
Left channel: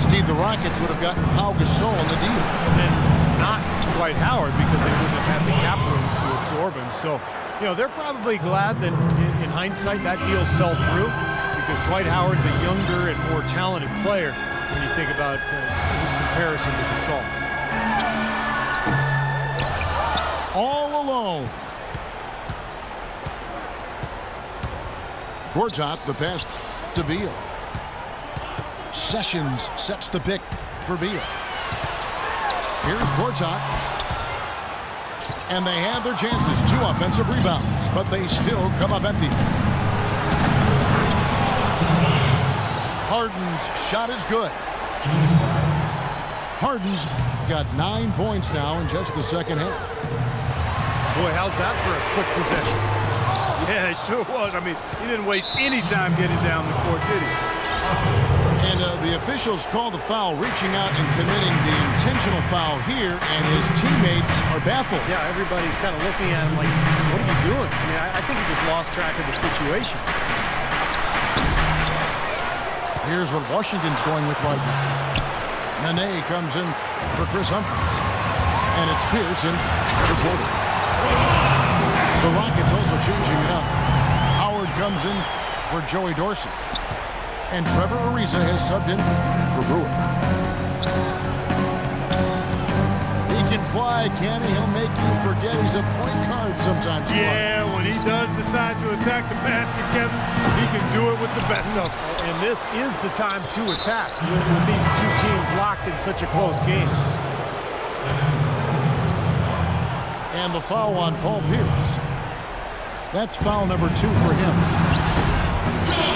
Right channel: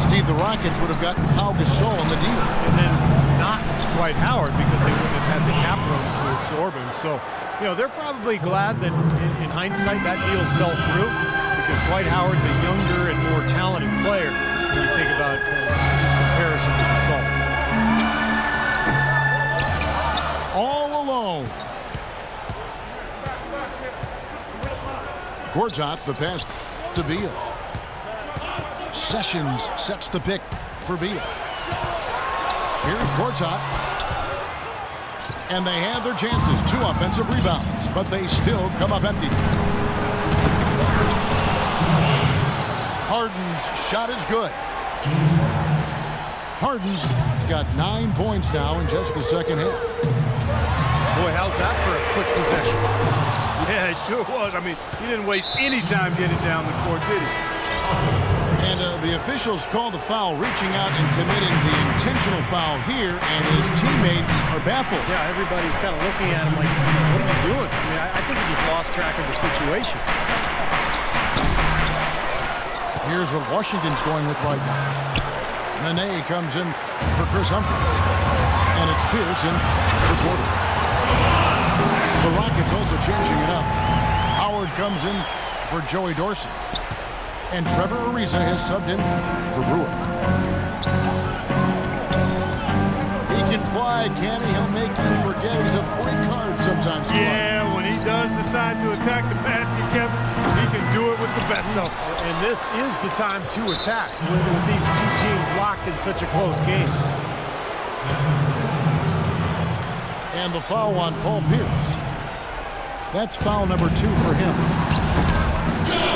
Steve, the Rockets would have gotten Pau Gasol in the deal. And then not Dwight Howard because they wouldn't have had the cap room to absorb him. So, you know, they're probably glad that in hindsight that deal fell through because Dwight Howard, the younger and more talented player, when you think about his comparison to Gasol. All alone. Gortat, the pass to Beal. Sessions sets the pick for Beal. Here's Gortat. And they had their chances. 2 offensive rebounds, but they still come up empty. Harden's shot is good. Harden's got 9 points now in just the second half. Boy, how's that for a quick possession? Yeah, it sure was. I mean, he didn't waste any time getting down the court, did he? And the officials called the foul, reaching out and committing the intentional foul here, and his teammates are baffled. Yeah, everybody's kind of looking at him like, what are you doing? I mean, I think he just lost track of the situation. Here's what Washington's going with right now. Nene comes in for Chris Humphries. And it's Pearson for Porter. The Rockets also changing it up. Howard comes in for Joey Dorsey. And Trevor Ariza has subbed in for Brewer. He can fly, can he? He'll make you forget he's a point guard sometimes. Yeah, when he does decide to attack the basket, Kevin, he can do it with the best of them. And this is the time to attack with these two teams locked in such a close game. And the foul on Paul Pierce. That's foul number 2 for him.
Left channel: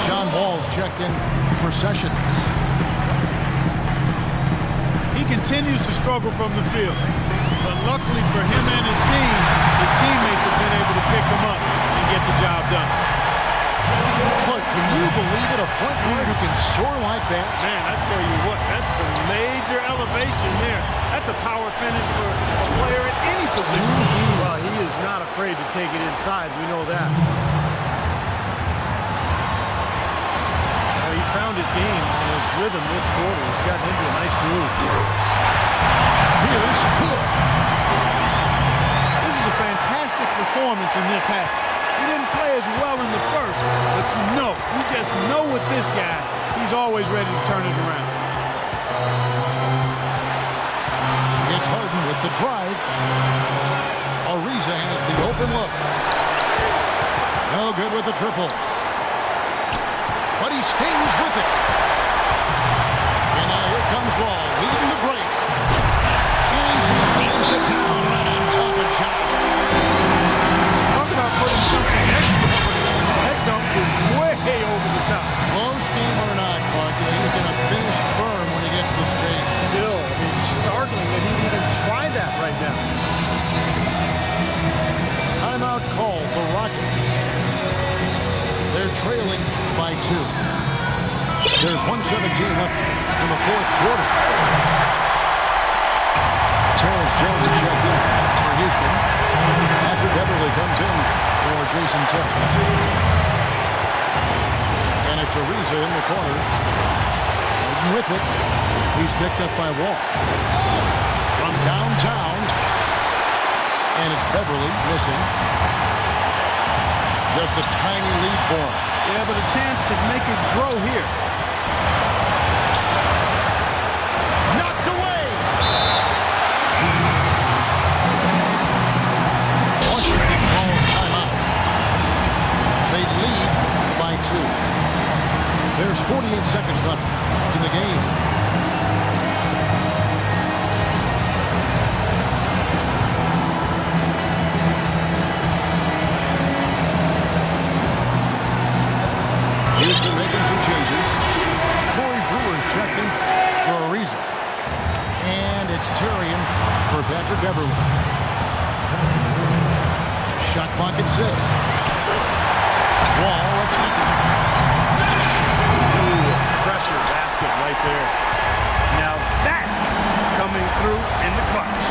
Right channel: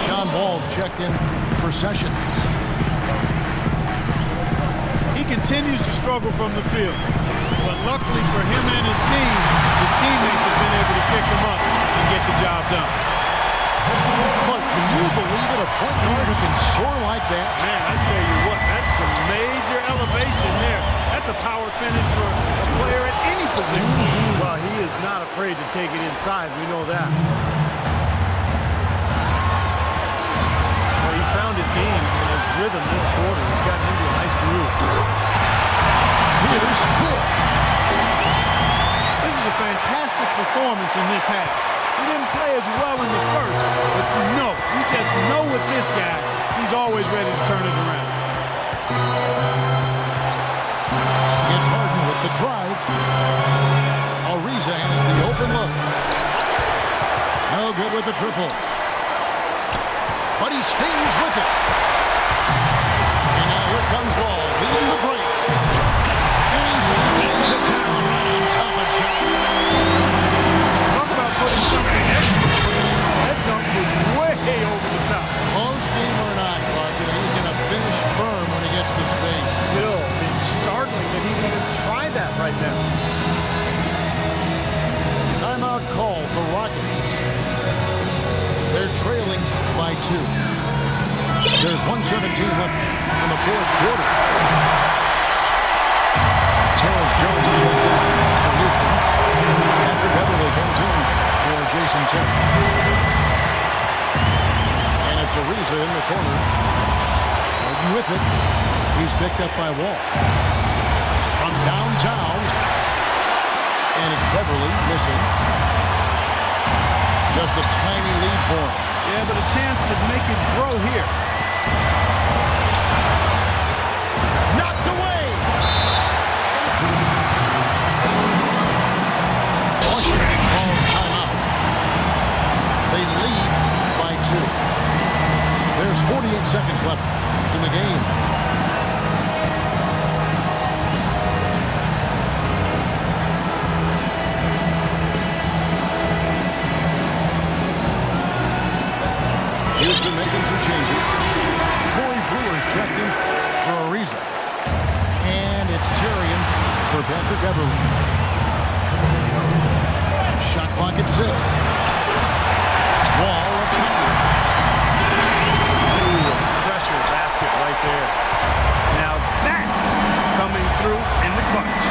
John Wall's checked in for Sessions. He continues to struggle from the field. But luckily for him and his teammates have been able to pick him up and get the job done. Clark, can you believe it? A point guard who can soar like that? Man, I tell you what, that's a major elevation there. That's a power finish for a player at any position. Well, he is not afraid to take it inside. We know that. Well, he's found his game and his rhythm this quarter. He's gotten into a nice groove. Here's good. This is a fantastic performance in this half. He didn't play as well in the first, but you just know with this guy, he's always ready to turn it around. It's Harden with the drive. Ariza has the open look. No good with the triple. But he stays with it. And now here comes Wall, leading the break. And he slams it down right on top of Josh. Talk about putting something extra. That dunk was way over the top. Close game or not, Clark, he's going to finish firm when he gets the space. Still, I mean, startling that he'd even try that right now. Timeout called, the Rockets. They're trailing by 2. There's 1:17 left in the fourth quarter. Terrence Jones checked in for Houston. Patrick Beverly comes in for Jason Terry. And it's Ariza in the corner. Harden with it. He's picked up by Wall. From downtown. And it's Beverly missing. Just a tiny lead for him. Yeah, but a chance to make it grow here. Knocked away. Washington calls timeout. They lead by 2. There's 48 seconds left in the game. Houston making some changes. Corey Brewer's checked in for a reason. And it's Terrian for Patrick Beverly. Shot clock at 6. Wall attacking. Ooh, pressure basket right there. Now that's coming through in the clutch.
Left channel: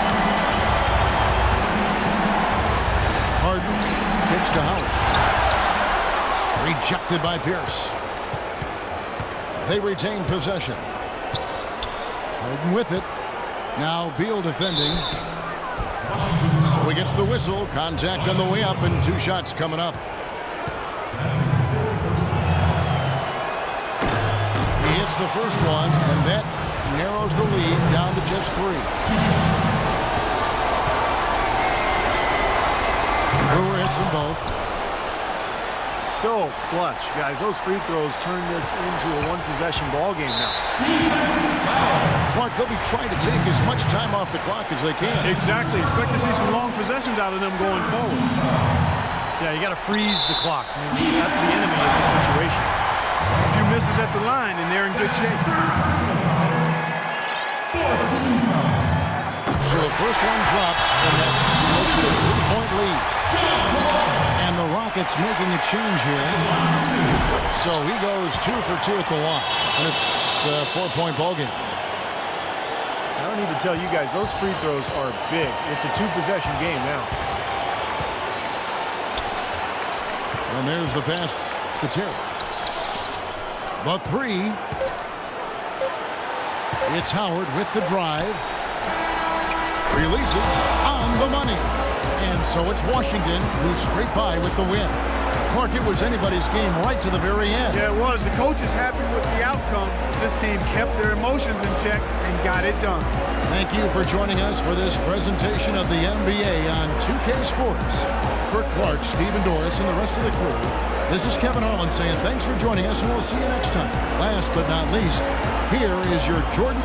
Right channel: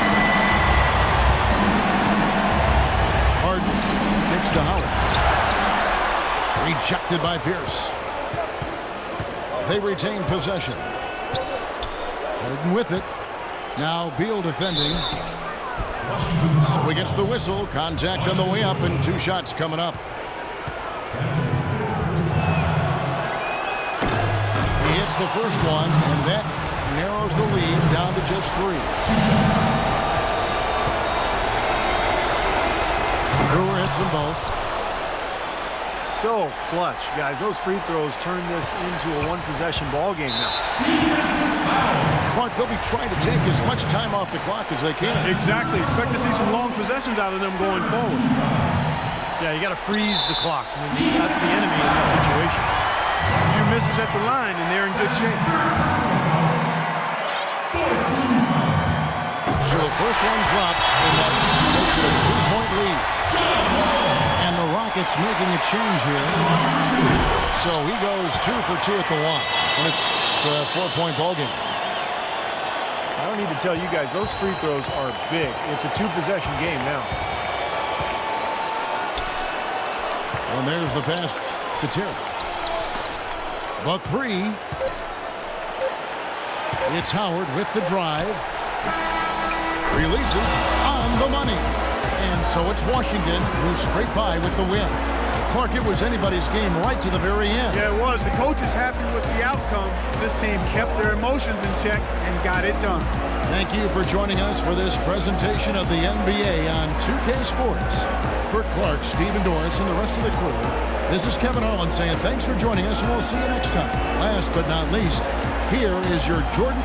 Harden kicks to Howard. Rejected by Pierce. They retain possession. Harden with it. Now Beal defending. So he gets the whistle. Contact on the way up and 2 shots coming up. He hits the first one, and that narrows the lead down to just 3. Brewer hits them both. So clutch, guys. Those free throws turn this into a one-possession ball game now. Clark, they'll be trying to take as much time off the clock as they can. Exactly. Expect to see some long possessions out of them going forward. Yeah, you got to freeze the clock. I mean, that's the enemy in this situation. A few misses at the line, and they're in good shape. So the first one drops, and that makes it a 3-point lead. And the Rockets making a change here. So he goes 2 for 2 at the line. And it's a 4-point ball game. I don't need to tell you guys, those free throws are big. It's a 2-possession game now. And there's the pass to Terry. The 3. It's Howard with the drive. Releases on the money. And so it's Washington who scraped by with the win. Clark, it was anybody's game right to the very end. Yeah, it was. The coach is happy with the outcome. This team kept their emotions in check and got it done. Thank you for joining us for this presentation of the NBA on 2K Sports. For Clark, Stephen Doris, and the rest of the crew, this is Kevin Harlan saying thanks for joining us, and we'll see you next time. Last but not least, here is your Jordan